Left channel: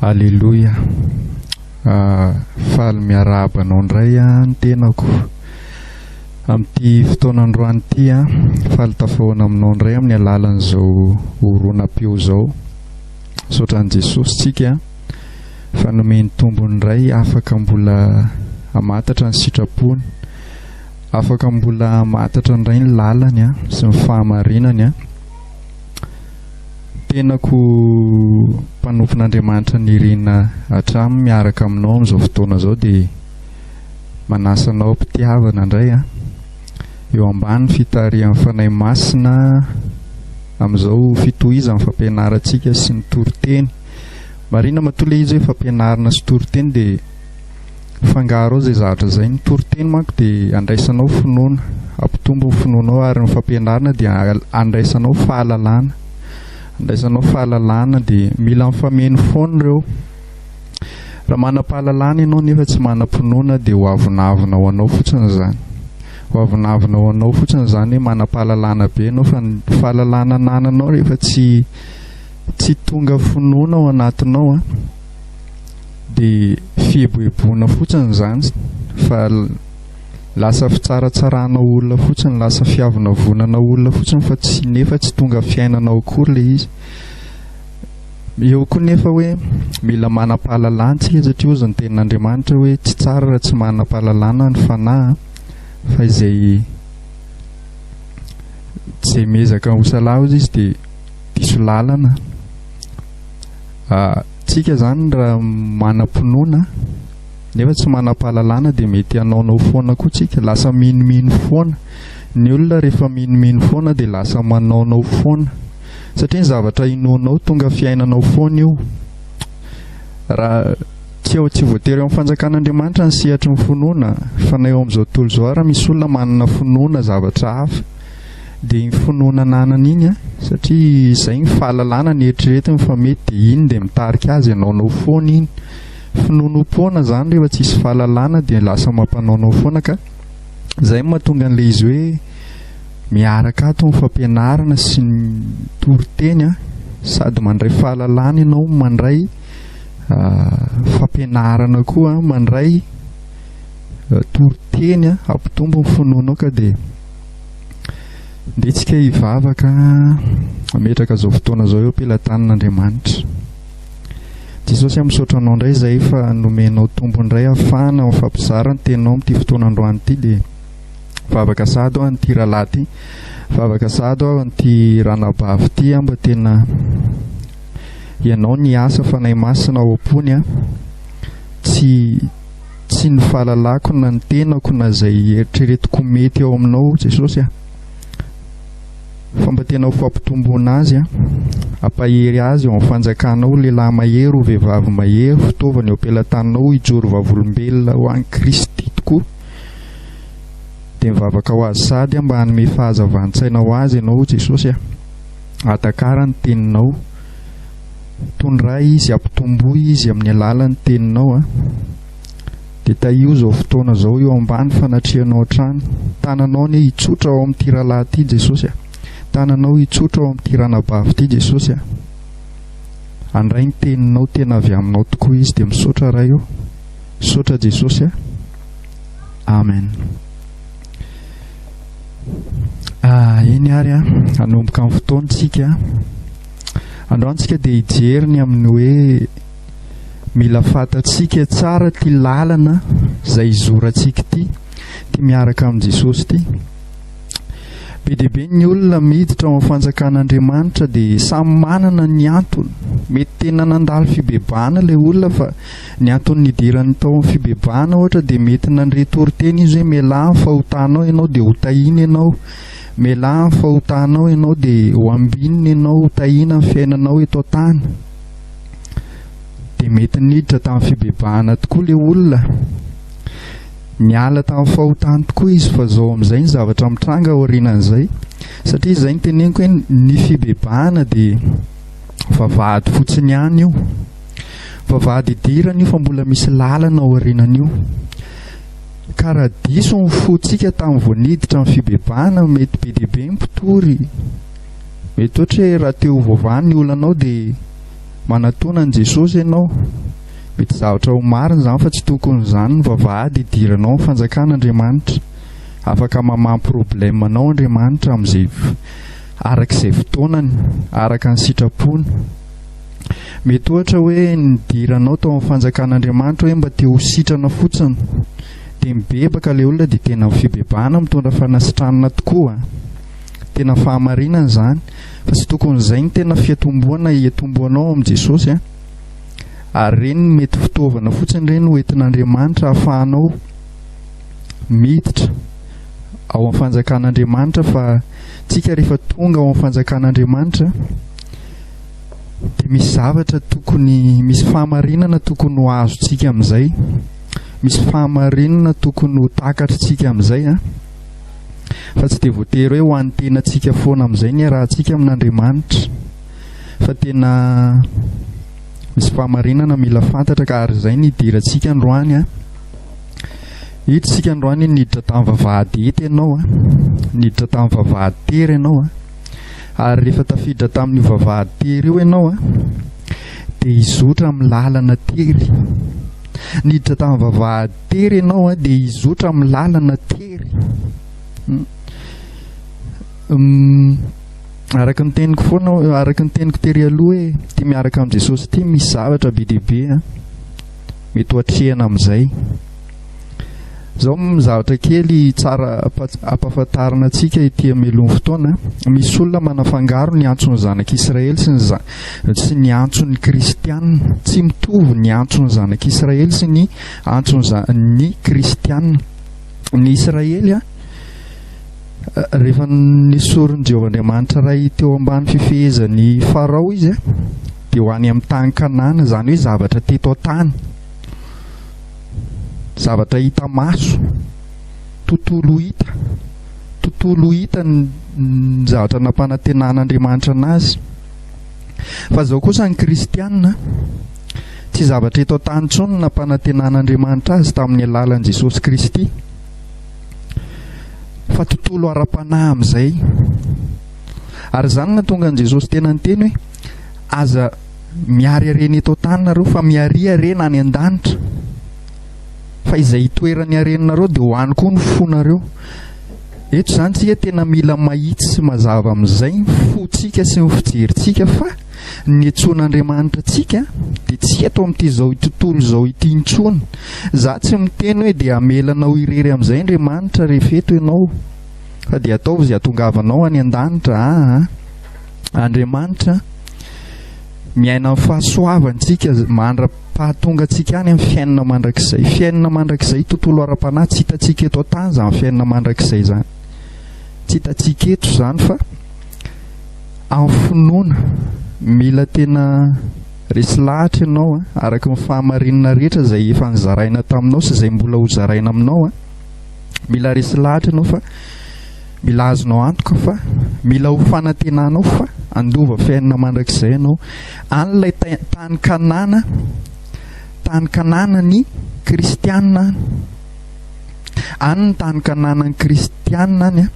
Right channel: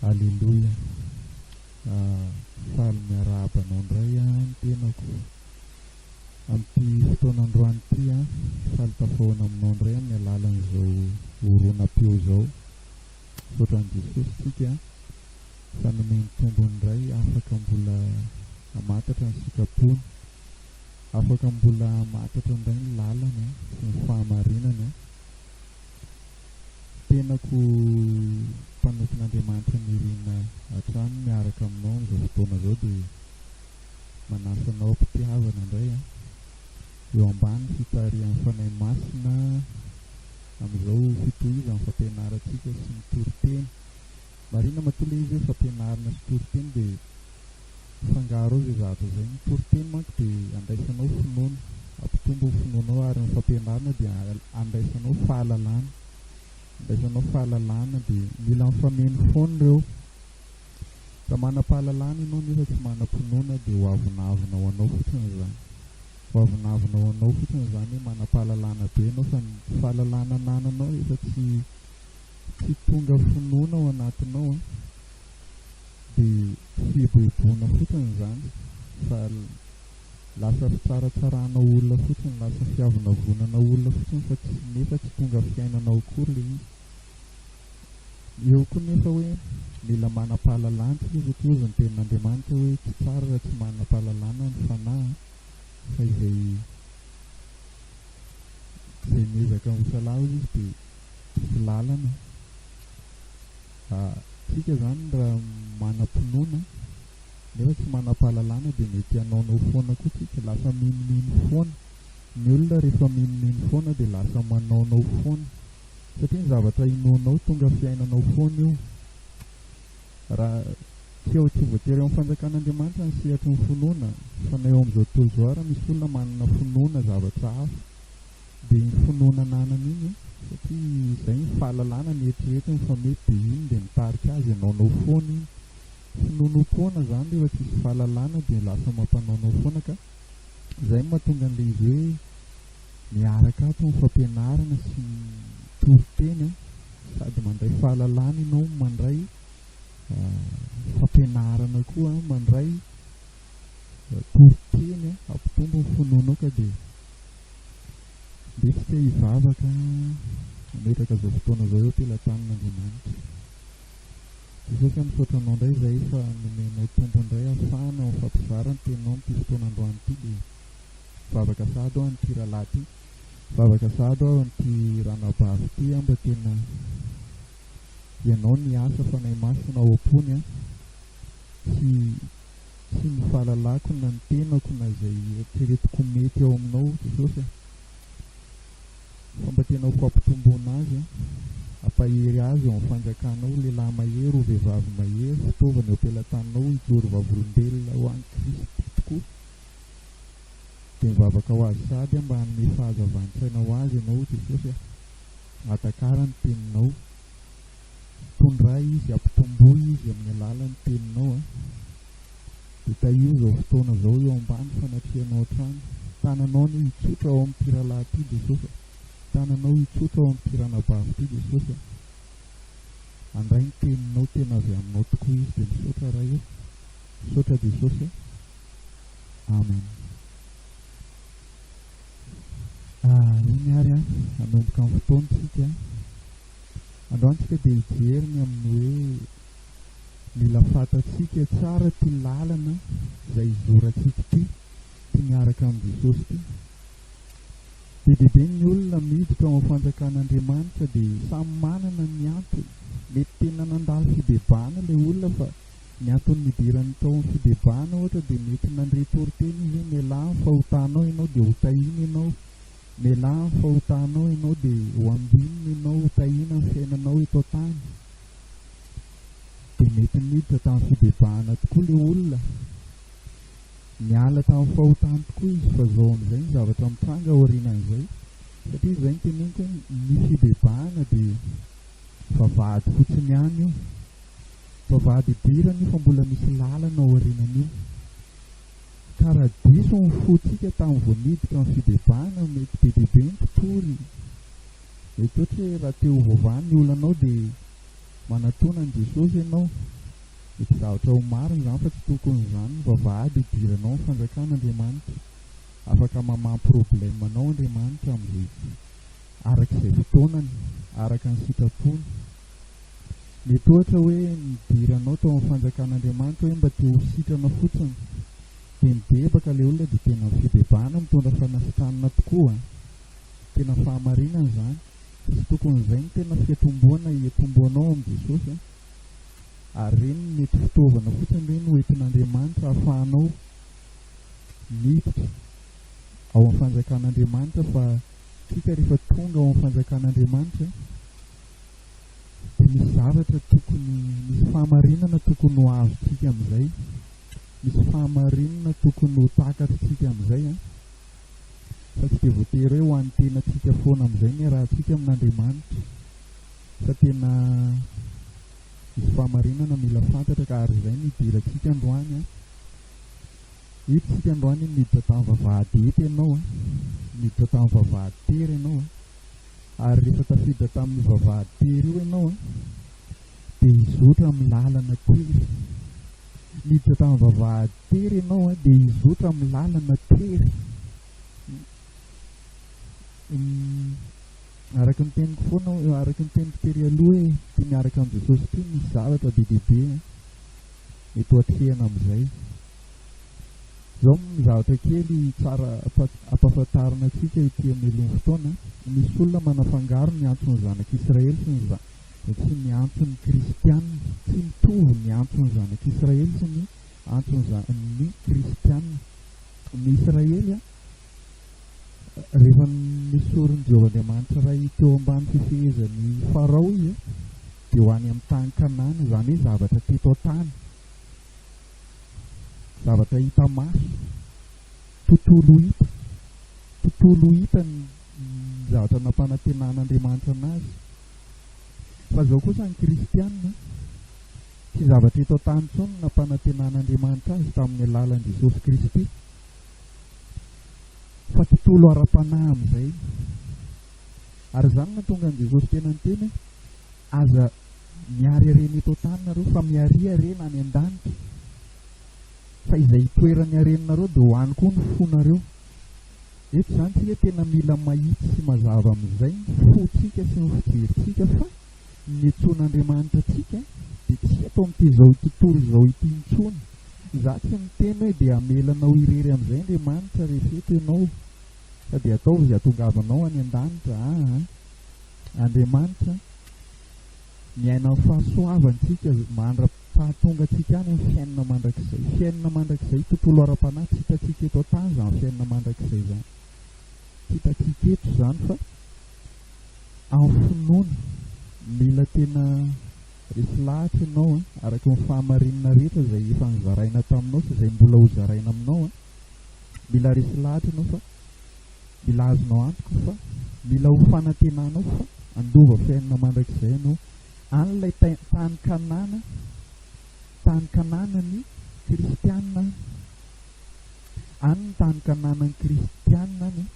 Alleluia. Faly miarahaba anao indray ny tenako amin'ity fotoanandroany ity faly tafahoana aminao indray amin'ny alalan'izao oronam-peo zao. Sotran'i Jesosy tsika fa nomeny tombony indray afaka mbola hamatatra ny sitrapony, afaka mbola hamatatra indray ny lalany sy ny fahamarinany tenako mpanompon'Andriamanitra nirina hatramin'ny miaraka aminao amin'izao fotoana zao dia manasanao mpitiavana indray eo ambany fitarihan'ny fanahy masina amin'izao fitohizan'ny fampianarantsika sy ny toriteny. Marina matole izy hoe fampianarana sy toriteny dia fangaro ao zay zavatra zay. Ny toriteny manko dia andraisanao finoana, ampitombo ny finoanao, ary ny fampianarana dia andraisanao fahalalana. Andraisanao fahalalana dia mila mifameno foana ireo. Raha manam-pahalalana ianao nefa tsy manam-pinoana dia ho avonavona ho anao fotsiny izany. Ho avonavona ho anao fotsiny izany hoe manam-pahalalana be ianao, fa ny fahalalana anananao rehefa tsy tonga finoana ao anatinao dia fieboeboana fotsiny izany, fa lasa fitsaratsarana olona fotsiny, lasa fiavana vonana olona fotsiny, fa tsy nefa tsy tonga fiainanao akory le izy. Eo koa nefa hoe mila manam-pahalalana satria ozy ny tenin'Andriamanitra hoe tsy tsara raha tsy manam-pahalalana ny fanahy, fa izay mezaka ho salahy izy dia diso lalana. Tsika zany raha manam-pinoana nefa tsy manam-pahalalana dia mety hanaonao foana koa tsika, lasa minomino foana. Ny olona rehefa minomino foana dia lasa manaonao foana, satria ny zavatra inoanao tonga fiainanao foana io. Raha tsy voatery amin'ny fanjakan'Andriamanitra ny sehatry ny finoana, fa na eo amin'izao tontolo izao raha misy olona manana finoana zavatra hafa dia ny finoana ananana iny satria izay ny fahalalana ny eritreretiny, fa mety dia iny dia mitarika azy anaonao foana iny. Finonom-poana zany rehefa tsisy fahalalana dia lasa mampanaonao foana, ka izay mahatonga an'ilay izy hoe miaraka ato ny fampianarana sy ny toriteny sady mandray fahalalana ianao, mandray fampianarana koa, mandray toriteny ampitombo ny finoanao. Ka dia ndetsika hivavaka ametraka zao fotoana zao eo am-pelatanan'Andriamanitra. Jesosy misaotra anao indray izay fa nomenao tombo indray ahafahana mifampizara ny teninao amin'ity fotoanandroany ity. Dia vavaka sady aho an'ity rahalahy ity, vavaka sady aho an'ity ranabavy ity mba tena ianao ny asa fanahy masina ao am-pony tsy ny fahalalako na ny tenako na izay eritreretiko mety ao aminao Jesosy fa mba tena ho fampitomboana azy ampahery azy eo amin'ny fanjakanao, lehilahy mahery ho vehivavy mahery, fitaovana eo am-pelatanao hijoro vavolombelona ho an'i Kristy tokoa. Dia mivavaka ho azy sady mba hanome fahazavan-tsaina ho azy ianao Jesosy hatakara ny teninao, tondray izy, ampitomboy izy amin'ny alalan'ny teninao dia taio zao fotoana zao eo ambany fanatrianao hatrany. Tananao ny hitsotra ao amin'ity rahalahy ity Jesosy, tananao hitsotra ao amin'ity ranabavy ity Jesosy. Andray ny teninao tena avy aminao tokoa izy, dia misaotra ray eo, misaotra Jesosy. Amen. Eny ary hanomboka amin'ny fotoantsika androantsika dia hijeriny amin'ny hoe mila fatatsika tsara ty lalana izay izorantsika ity miaraka amin'ny Jesosy ity. Be dia be ny olona miditra ao amin'ny fanjakan'Andriamanitra dia samy manana ny antony. Mety tena nandalo fibebahana ilay olona, fa ny antony nidirany tao amin'ny fibebahana ohatra dia mety nandre toriteny izy hoe mialahy ny fahotanao ianao dia ho tahina ianao, mialahy ny fahotanao ianao dia ho ambinina ianao, ho tahina ny fiainanao eto an-tany. Dia mety niditra tamin'ny fibebahana tokoa ilay olona, niala tamin'ny fahotany tokoa izy, fa zao amin'izay ny zavatra mitranga aorianan'izay, satria izay ny teneniko hoe ny fibebahana dia vavahady fotsiny ihany io, vavahady idirana io fa mbola misy lalana aorianan'io. Ka raha diso ny fotsika tamin'ny vao niditra amin'ny fibebahana, mety be dia be ny mpitory, mety ohatra hoe raha teo vovany ny olonanao dia manatona an Jesosy ianao, mety zavatra ho marina izany fa tsy tokony izany ny vavahady idiranao ny fanjakan'Andriamanitra. Afaka mamamy problemanao Andriamanitra amin'izay arak'izay fotoanany, araka ny sitrapony. Mety ohatra hoe nidiranao tao amin'ny fanjakan'Andriamanitra hoe mba te ho sitrana fotsiny, dia mibebaka ilay olona dia tena fibebahana mitondra fanasitranana tokoa, tena fahamarinana izany. Fa tsy tokony izay ny tena fiatomboana hiatomboanao amin'i Jesosy ary ireny mety fitaovana fotsiny ireny hoentin'Andriamanitra ahafahanao miditra ao amin'ny fanjakan'Andriamanitra. Fa tsika rehefa tonga ao amin'ny fanjakan'Andriamanitra dia misy zavatra tokony, misy fahamarinana tokony ho azontsika amin'izay, misy fahamarinana tokony ho takatritsika amin'izay fa tsy dia voatery hoe ho an'ny tenantsika foana amin'izay ny arahantsika amin'Andriamanitra, fa tena misy fahamarinana mila fantatra. Ka ary izay nidirantsika androany hiditsika androany niditra tamin'ny vavahady ety ianao niditra tamin'ny vavahady tery ianao ary rehefa tafiditra tamin'ny vavahady tery io ianao dia hizotra amin'ny lalana tery. Niditra tamin'ny vavahady tery ianao dia hizotra amin'ny lalana tery. Araka ny teniko foana, araka ny teniko tery aloha hoe tia miaraka amin'ny Jesosy ity misy zavatra be dehibe mety hoatrehana amin'izay. Izao zavatra kely tsara ampahafantarana antsika ity hamelon'ny fotoana. Misy olona manafangaro ny antson'ny zanak'Israely sy ny antson'ny kristianina. Tsy mitovy ny antson'ny zanak'Israely sy ny antson'ny kristianina. Ny Israely rehefa nisoron'i Jehovahandriamanitra iray teo ambany fifehezan'ny Farao izy dia ho any amin'ny tany Kanana, izany hoe zavatra teto tany, zavatra hita maso, tontolo hita ny zavatra nampanantenan'Andriamanitra anazy. Fa izao kosa ny kristianina tsy zavatra eto tany intsony nampanantenan'Andriamanitra azy tamin'ny alalan'i Jesosy Kristy, fa tontolo ara-panahy amin'izay. Ary izany nahatonga an'i Jesosy tena niteny hoe aza miary harena eto tany nareo fa miary harena any an-danitra, fa izay toerany harenanareo dia ho any koa ny fonareo. Eto izany tsika tena mila mahitsy sy mazava amin'izay ny fontsika sy ny fijerintsika, fa ny antson'Andriamanitra tsika dia tsy eto amin'ity izao tontolo izao ity intsony. Za tsy miteny hoe dia amelanao irery amin'izay Andriamanitra rehefa eto ianao, fa dia ataovy izay hatongavanao any an-danitra. Andriamanitra miaina amin'ny fahasoavantsika mandra-pahatonga antsika any amin'ny fiainana mandrakizay. Fiainana mandrakizay tontolo ara-panahy tsy hitantsika eto an-tany izany fiainana mandrakizay izany, tsy hitantsika eto izany, fa amin'ny finoana mila tena resy lahatra ianao araka ny fahamarinana rehetra izay efa nizaraina taminao sy izay mbola ho zaraina aminao. Mila resy lahatra ianao fa mila azonao antoka, fa mila ho fanantenanao fa andova fiainana mandrakizay ianao. An'ilay tany Kanana ny kristianina, any ny tany Kanana ny kristianina any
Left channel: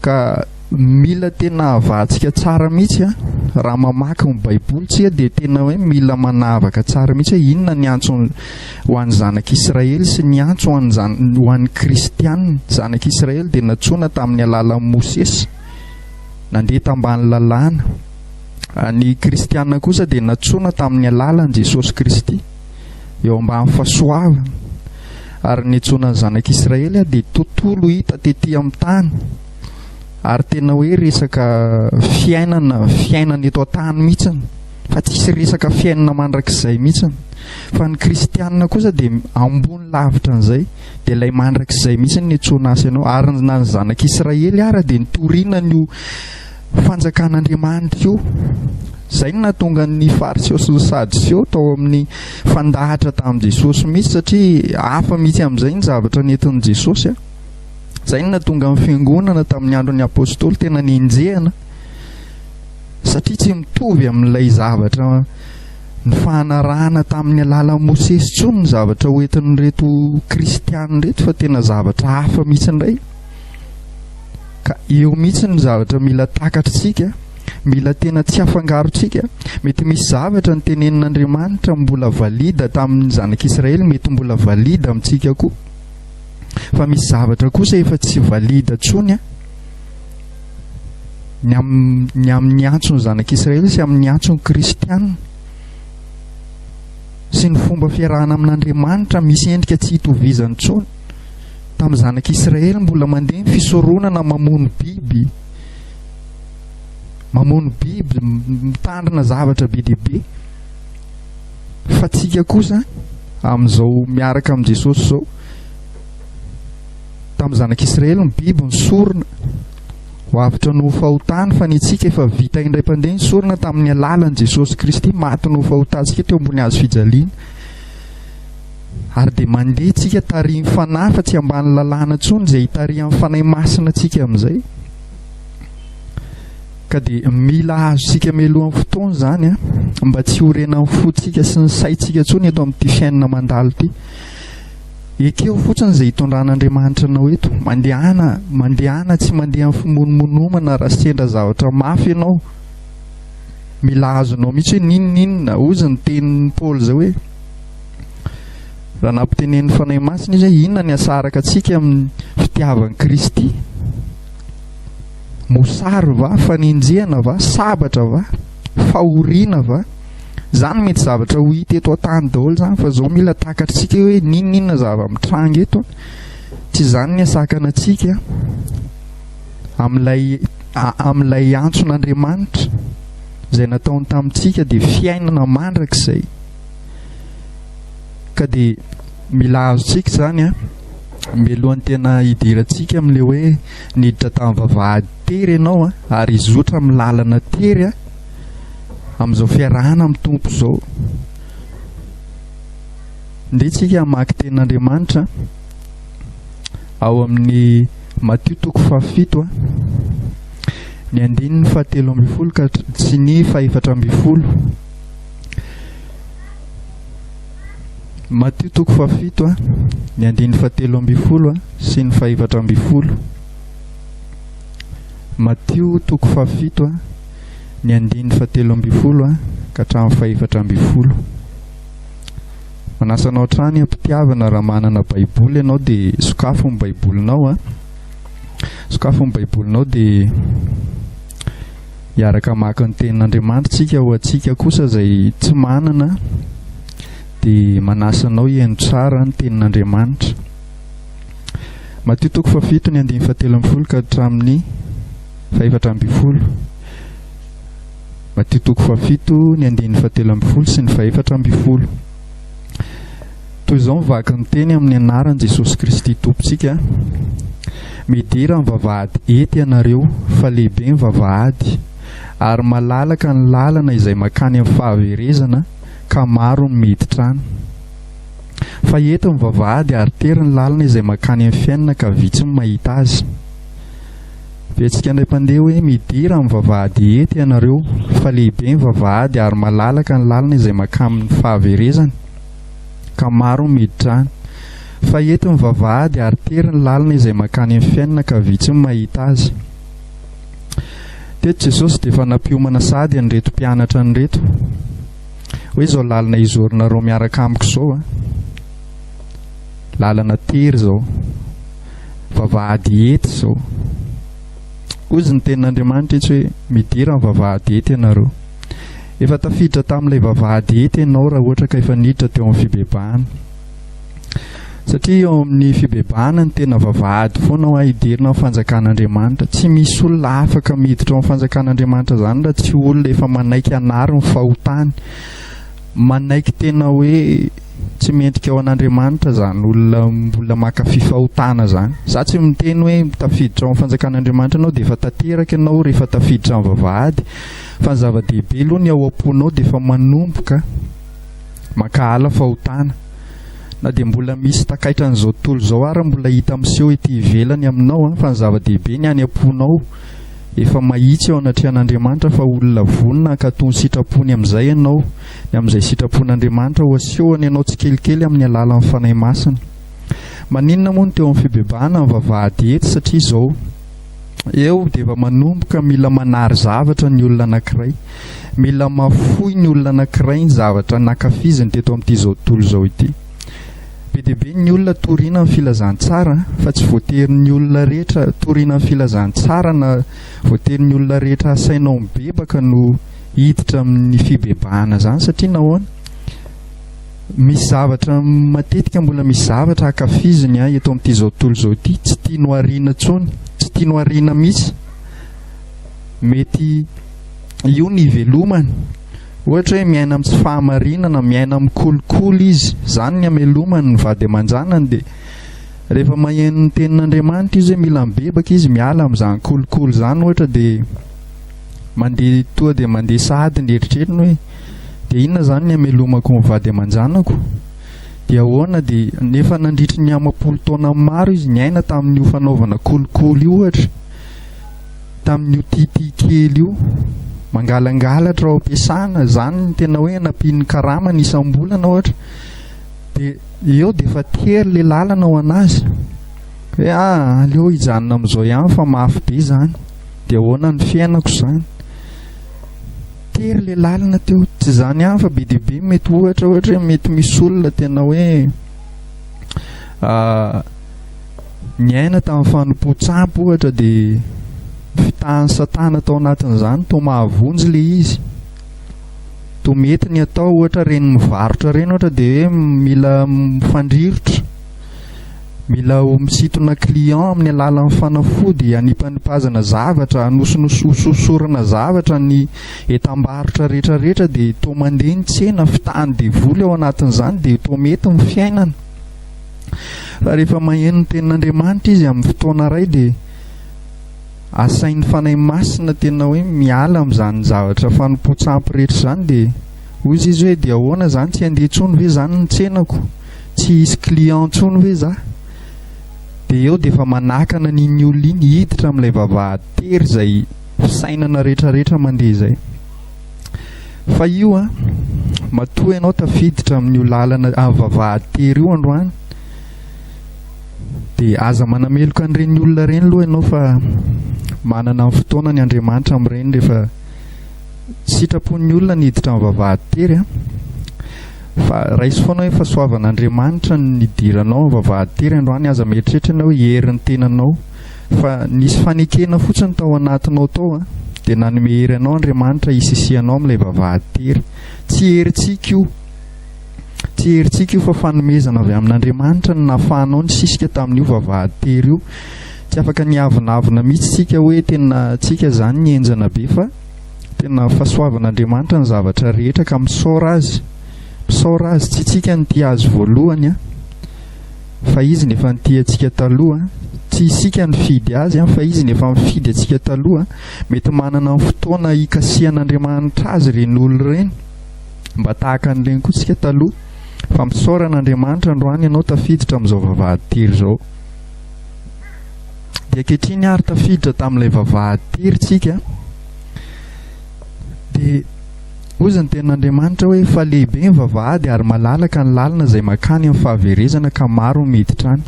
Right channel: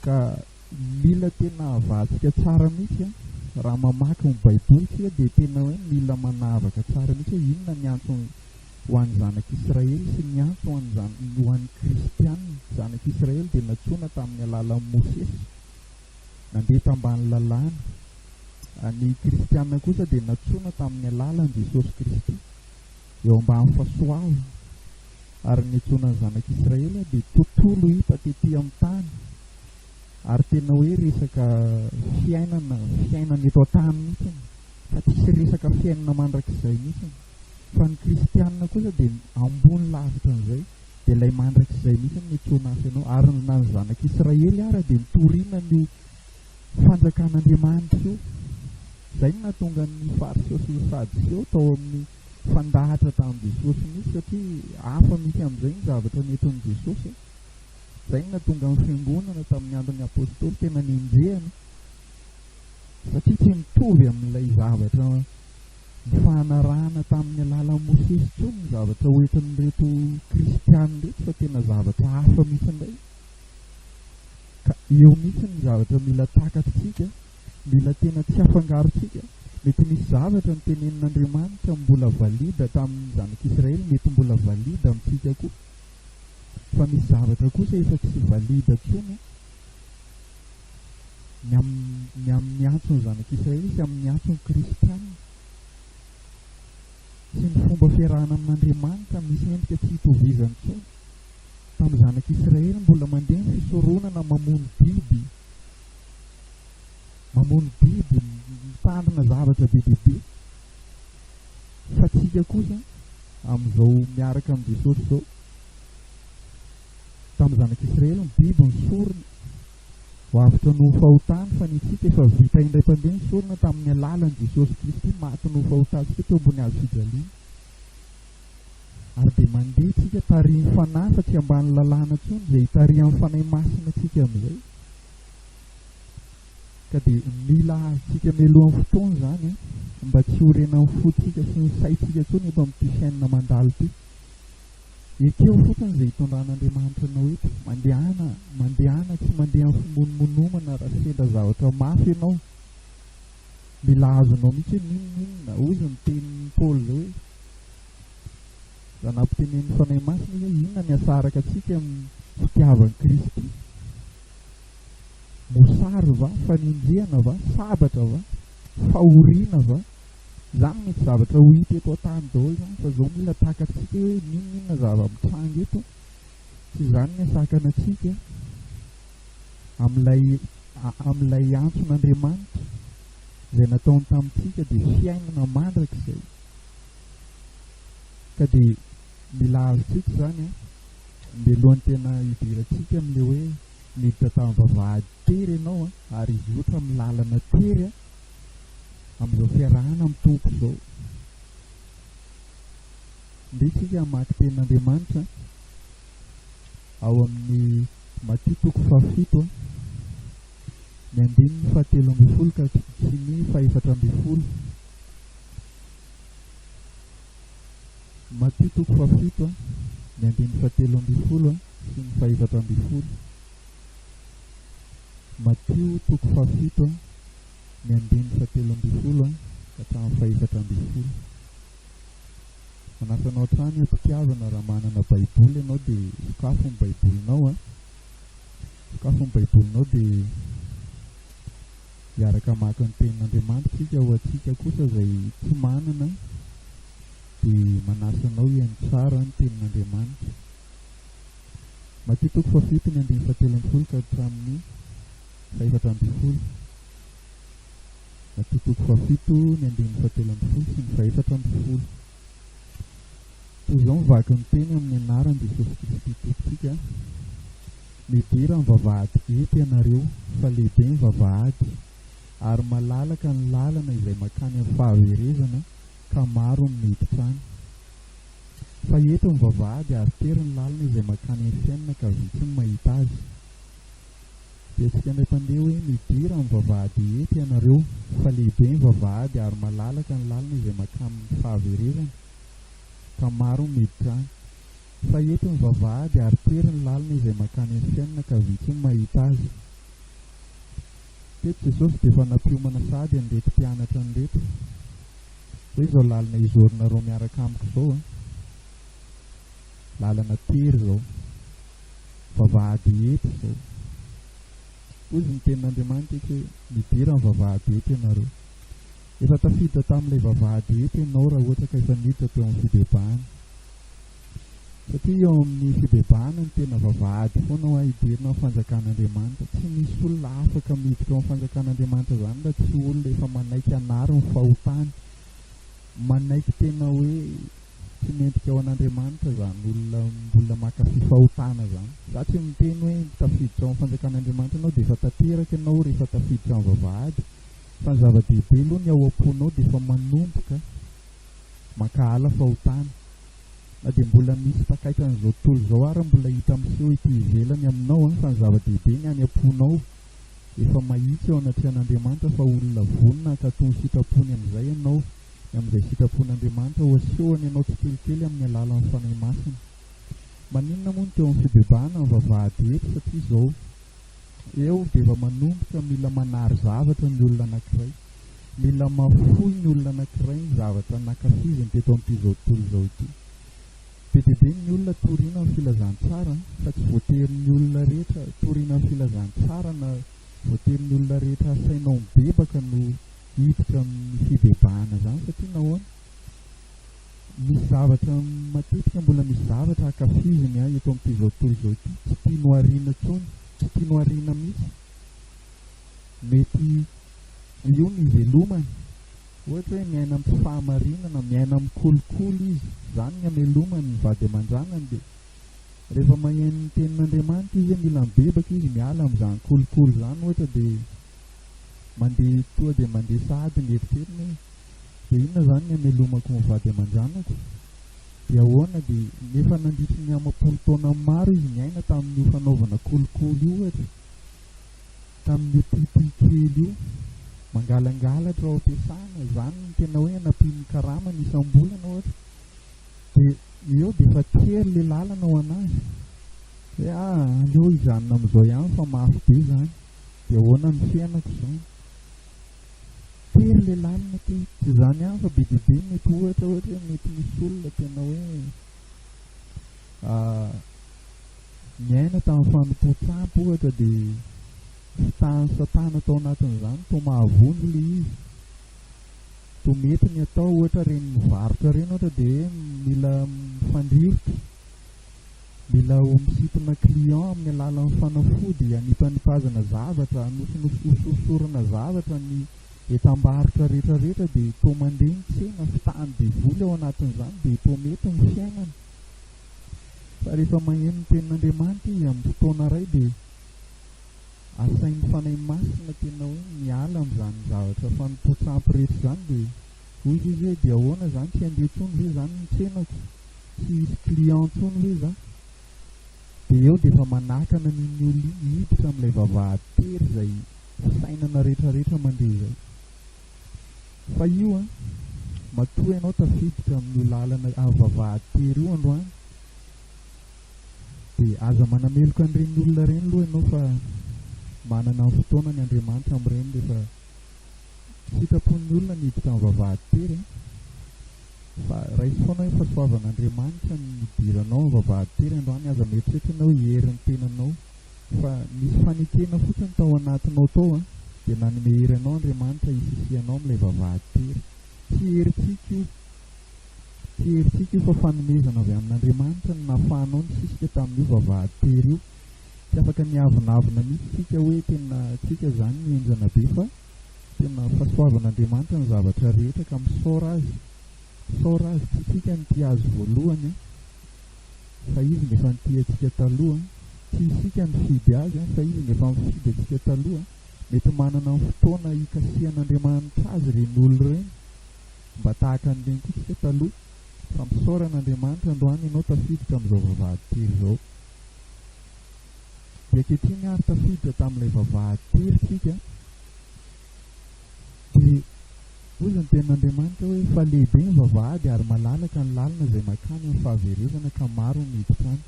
ka mila tena avahantsika tsara mihitsy raha mamaky ny baiboly tsika, dia tena hoe mila manavaka tsara mihitsy hoe inona ny antso ho an'ny zanak'Israely sy ny antso ho an'ny kristianina. Zanak'Israely dia natsoina tamin'ny alalan'i Mosesy, nandeha tambany lalàna. Ny kristianina kosa dia natsoina tamin'ny alalan'i Jesosy Kristy eo ambany fahasoavana. Ary ny antsoinan'ny zanak'Israely dia tontolo hita tetỳ amin'ny tany, ary tena hoe resaka fiainana eto an-tany mihitsiny, fa tsisy resaka fiainana mandrakizay mihitsiny. Fa ny kristianina kosa dia ambony lavitra an'izay, dia ilay mandrakizay mihitsiny ny antsoina azy ianao. Ary na ny zanak'Israely ara dia nitoriana ny fanjakan'Andriamanitra io. Izay no nahatonga ny fariseo sy ny sadiseo tao amin'ny fandahatra tamin'i Jesosy mihitsy, satria hafa mihitsy amin'izay ny zavatra nentin'i Jesosy. Izay no nahatonga ny fiangonana tamin'ny andron'ny apôstôly tena nienjehana, satria tsy mitovy amin'ilay zavatra ny fahanarahana tamin'ny alalan'i Mosesy intsony ny zavatra hoentin'ireto kristianina reto, fa tena zavatra hafa mihitsy indray. Ka eo mihitsy ny zavatra mila takatritsika, mila tena tsy afangarontsika. Mety misy zavatra nytenenin'Andriamanitra mbola valida tamin'ny zanak'Israely, mety mbola valida amintsika koa. Fa misy zavatra kosa efa tsy valida tsony ny amin'ny antson'ny zanak'Israely sy amin'ny antson'ny kristianina. Sy ny fomba fiarahana amin'Andriamanitra misy endrika tsy hitovizany tsony. Tamin'ny zanak'Israely mbola mandeha ny fisoronana mamono biby, mitandrina zavatra be dehibe. Fa tsika kosa amin'izao miaraka amin'i Jesosy izao, tamin'ny zanak'Israely ny biby ny sorona ho avitra no fahotany, fa ny tsika efa vita indray mpandeha ny sorona tamin'ny alalan'i Jesosy Kristy maty no fahotantsika teo ambony hazo fijaliana. Ary dia mandeha tsika tarihin'ny fanahy fa tsy ambany lalàna intsony izay hitarihan'ny fanahy masina tsika amin'izay. Ka dia mila azontsika mialohan'ny fotoana izany mba tsy horenan'ny fotsika sy ny saitsika intsony eto amin'ity fiainana mandalo ity. Ekeo fotsiny izay hitondran'Andriamanitra anao eto. Mandehana tsy mandeha amin'ny fimonomonomana raha sendra zavatra mafy ianao. Mila azonao mihitsy hoe ninona ozy ny tenin'ny Paoly izao hoe raha nampitenen'ny fanahy masina izy hoe inona ny asaraka antsika amin'ny fitiavan'i Kristy? Mosary va, fanenjehana va, sabatra va, fahoriana va? Zany mety zavatra ho hita eto an-tany daholo zany, fa izao mila takatritsika hoe ninona zava-mitranga eto. Tsy zany ny asakana antsika amin'ilay antson'Andriamanitra izay nataony tamintsika dia fiainana mandrakizay. Ka dia mila azontsika zany mialohan'ny tena hidirantsika amin'ilay hoe niditra tamin'ny vavahady tery ianao ary izotra amin'ny lalana tery amin'izao fiarahana amin'ny tompo izao. Ndetsika hamaky tenin'Andriamanitra ao amin'ny Matthieu 7 ny 17 ka sy ny 14. Matthieu 7 ny 17 sy ny 14. Matthieu 7 ny 17 ka hatramin'ny 14. Manasanao trany ampitiavana raha manana baiboly ianao dia sokafo ny baibolinao sokafo ny baibolinao dia hiaraka maka ny tenin'Andriamanitra tsika. Ho antsika kosa izay tsy manana dia manasanao hiaino tsara ny tenin'Andriamanitra. Matthieu 7 ny 17 ka hatramin'ny 14. Matthieu 7 ny 17 sy ny 14. Toy izao mivaky ny teny amin'ny anaran'i Jesosy Kristy Tompontsika. Midira ny vavahady ety ianareo, fa lehibe ny vavahady, ary malalaka ny lalana izay makany amin'ny fahaverezana, ka maro ny miditra any. Fa eto ny vavahady ary tery ny lalana izay makany amin'ny fiainana, ka vitsy ny mahita azy. Vetsika indray mpandeha hoe midira ny vavahady ety ianareo, fa lehibe ny vavahady ary malalaka ny lalana izay makany amin'ny fahaverezana, ka maro ny miditra any. Fa eto ny vavahady ary tery ny lalana izay makany amin'ny fiainana, ka vitsy ny mahita azy. Teto Jesosy dia efa nampiomana sady an'ireto mpianatra an'ireto hoe izao lalana izorina miaraka amiko izao lalana tery izao, vavahady ety izao. Ozy ny tenin'Andriamanitra etsy hoe midira ny vavahady ety ianareo. Efa tafiditra tamin'ilay vavahady ety ianao raha ohatra ka efa niditra teo amin'ny fibebahana. Satria eo amin'ny fibebahana ny tena vavahady foana ho hidirina amin'ny fanjakan'Andriamanitra. Tsy misy olona afaka miditra ao amin'ny fanjakan'Andriamanitra zany raha tsy olona efa manaiky anary ny fahotany, manaiky tena hoe tsy mendrika ao an'Andriamanitra zany olona mbola makafy fahotana zany. Za tsy miteny hoe tafiditra ao amin'ny fanjakan'Andriamanitra ianao dia efa tanteraka ianao rehefa tafiditra amin'ny vavahady, fa ny zava-dehibe aloha ny ao am-ponao dia efa manomboka makahala fahotana. Na dia mbola misy takaitra n'izao tontolo izao ary mbola hita miseho ety ivelany aminao fa ny zava-dehibe ny any am-ponao efa mahitsy ao anatrehan'Andriamanitra fa olona vonona ka toy ny sitrapony amin'izay ianao, ny amin'izay sitrapon'Andriamanitra ho asehony ianao tsikelikely amin'ny alalan'ny fanahy masina. Maninona moa ny teo amin'ny fibebahana ny vavahady ety? Satria izao eo dia efa manomboka mila manary zavatra ny olona anankiray, mila mafoy ny olona anankiray ny zavatra nankafiziny teto amin'ity zao tontolo zao ity. Be dia be ny olona toriana amin'ny filazantsara, fa tsy voatery ny olona rehetra toriana amin'ny filazantsara na voatery ny olona rehetra asainao mibebaka no hiditra amin'ny fibebahana zany, satria nahoana misy zavatra matetika mbola misy zavatra ankafiziny eto amin'ity zao tontolo zao ity, tsy tiano ariana intsony, tsy tiano ariana mihitsy. Mety io ny ivelomany, ohatra hoe miaina amin'ny tsy fahamarinana, miaina amin'ny kolokolo izy, zany ny amelomany ny vady aman-janany. Dia rehefa maheno ny tenin'Andriamanitra izy hoe mila mibebaka izy miala amin'izany kolokolo zany, ohatra dia mandeha toa dia mandeha sahady ny eritreritiny hoe dia inona zany ny amelomako ny vady aman-janako, dia ahoana, dia nefa nandritry ny amapolo taona maro izy niaina tamin'io fanaovana kolokolo io, ohatra tamin'io tity kely io, mangalangalatra ao am-piasana, zany ny tena hoe nampiany karama ny isam-bolana ohatra. Dia eo dia efa tery le lalana ho anazy hoe aleo hijanona amin'izao ihany fa mafy be zany. Dia ahoana ny fiainako zany, tery le lalana teo, tsy zany ihany fa be dia be mety ohatra hoe mety misy olona tena hoe niaina tamin'ny fanompo-tsampy ohatra, dia fitahan'ny satana tao anatin'izany to mahavonjy le izy, to mety ny atao ohatra reny mivarotra reny ohatra dia hoe mila mifandrirotra, mila misintona client amin'ny alalan'ny fanafody, anipanipazana zavatra, anososorana zavatra ny etam-barotra rehetrarehetra, dia to mandeha ny tsena, fitahany devoly ao anatin'izany, dia to mety ny fiainana. Fa rehefa maheno ny tenin'Andriamanitra izy amin'ny fotoana iray, dia asain'ny fanahy masina tena hoe miala amin'izany zavatra fanompo-tsampy rehetra zany. Dia hoy izy hoe dia ahoana zany, tsy handeha intsony ve zany ny tsenako, tsy hisy client intsony ve za? Dia eo dia efa manakana n'iny olona iny hiditra amin'ilay vavahady-tery izay fisainana rehetrarehetra mandeha izay. Fa io matoa ianao tafiditra amin'io lalana vavahady-tery io androany, dia aza manameloka an'ireny olona ireny aloha ianao, fa manana amin'ny fotoana ny Andriamanitra amin'ireny rehefa sitrapon'ny olona niditra amin'ny vavahady-tery fa raisy foana hoe fahasoavan'Andriamanitra ny idiranao amin'ny vavahady-tery androany. Aza mieritreritra ianao herin'ny tenanao, fa nisy fanekena fotsiny tao anatinao tao dia nanome hery anao Andriamanitra hisisianao amin'ilay vavahady-tery. Tsy herintsika io, tsy herintsika io, fa fanomezana avy amin'Andriamanitra ny nahafahanao ny sisika tamin'io vavahady-tery io. Tsy afaka niavonavona mihitsy tsika hoe tena tsika zany ny enjana be, fa tena fahasoavan'Andriamanitra ny zavatra rehetra ka misaora azy, tsy tsika ny tia azy voalohany fa izy nefa ny tia antsika taloha. Tsy isika ny fidy azy fa izy nefa mifidy antsika taloha. Mety manana fotoana hikasihan'Andriamanitra azy ireny olona ireny mba tahaka an'ireny koa tsika taloha, fa misaora n'Andriamanitra androany ianao tafiditra amin'izao vavahady-tery zao. Dia ankehitriny ary tafiditra tamin'ilay vavahady-tery tsika, dia hoy ny tenin'Andriamanitra hoe fa lehibe ny vavahady ary malalaka ny lalana izay makany amin'ny fahaverezana ka maro ny miditra any.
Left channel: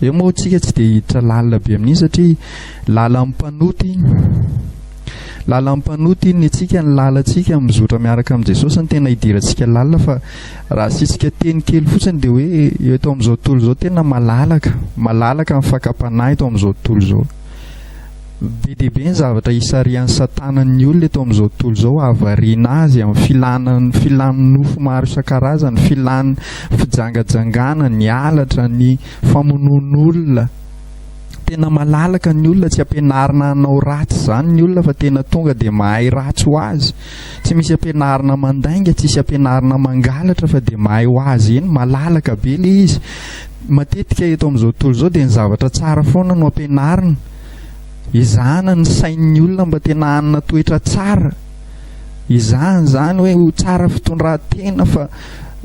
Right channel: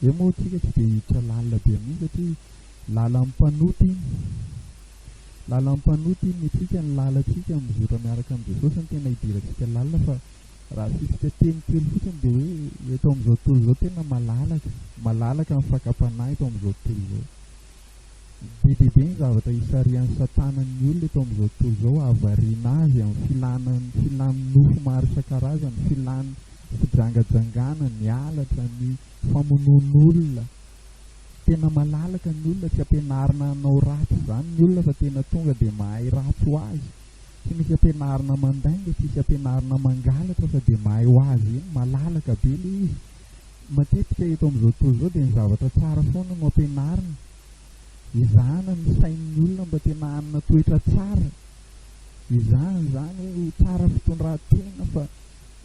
Eo moa tsika tsy dia hiditra lalina be amin'iny, satria lalan'ny mpanoty ny atsika, ny lalantsika mizotra miaraka amin'ny Jesosy ny tena hidirantsika lalina. Fa raha sitsika teny kely fotsiny dia hoe eto amin'izao tontolo izao tena malalaka ny fakapanahy eto amin'izao tontolo izao. Be dia be ny zavatra hisarian'ny satana ny olona eto amin'izao tontolo izao, havariana azy amin'ny filany nofo maro isan-karazany, filany fijangajangana, ny halatra, ny famonoan'olona. Tena malalaka ny olona, tsy ampianarina hanao ratsy zany ny olona, fa tena tonga dia mahay ratsy ho azy. Tsy misy ampianarina mandainga, tsy misy ampianarina mangalatra, fa dia mahay ho azy eny. Malalaka be le izy. Matetika eto amin'izao tontolo izao dia ny zavatra tsara foana no ampianarina, izahana ny sain'ny olona mba tena hanana toetra tsara, izahana zany hoe ho tsara fitondran-tena, fa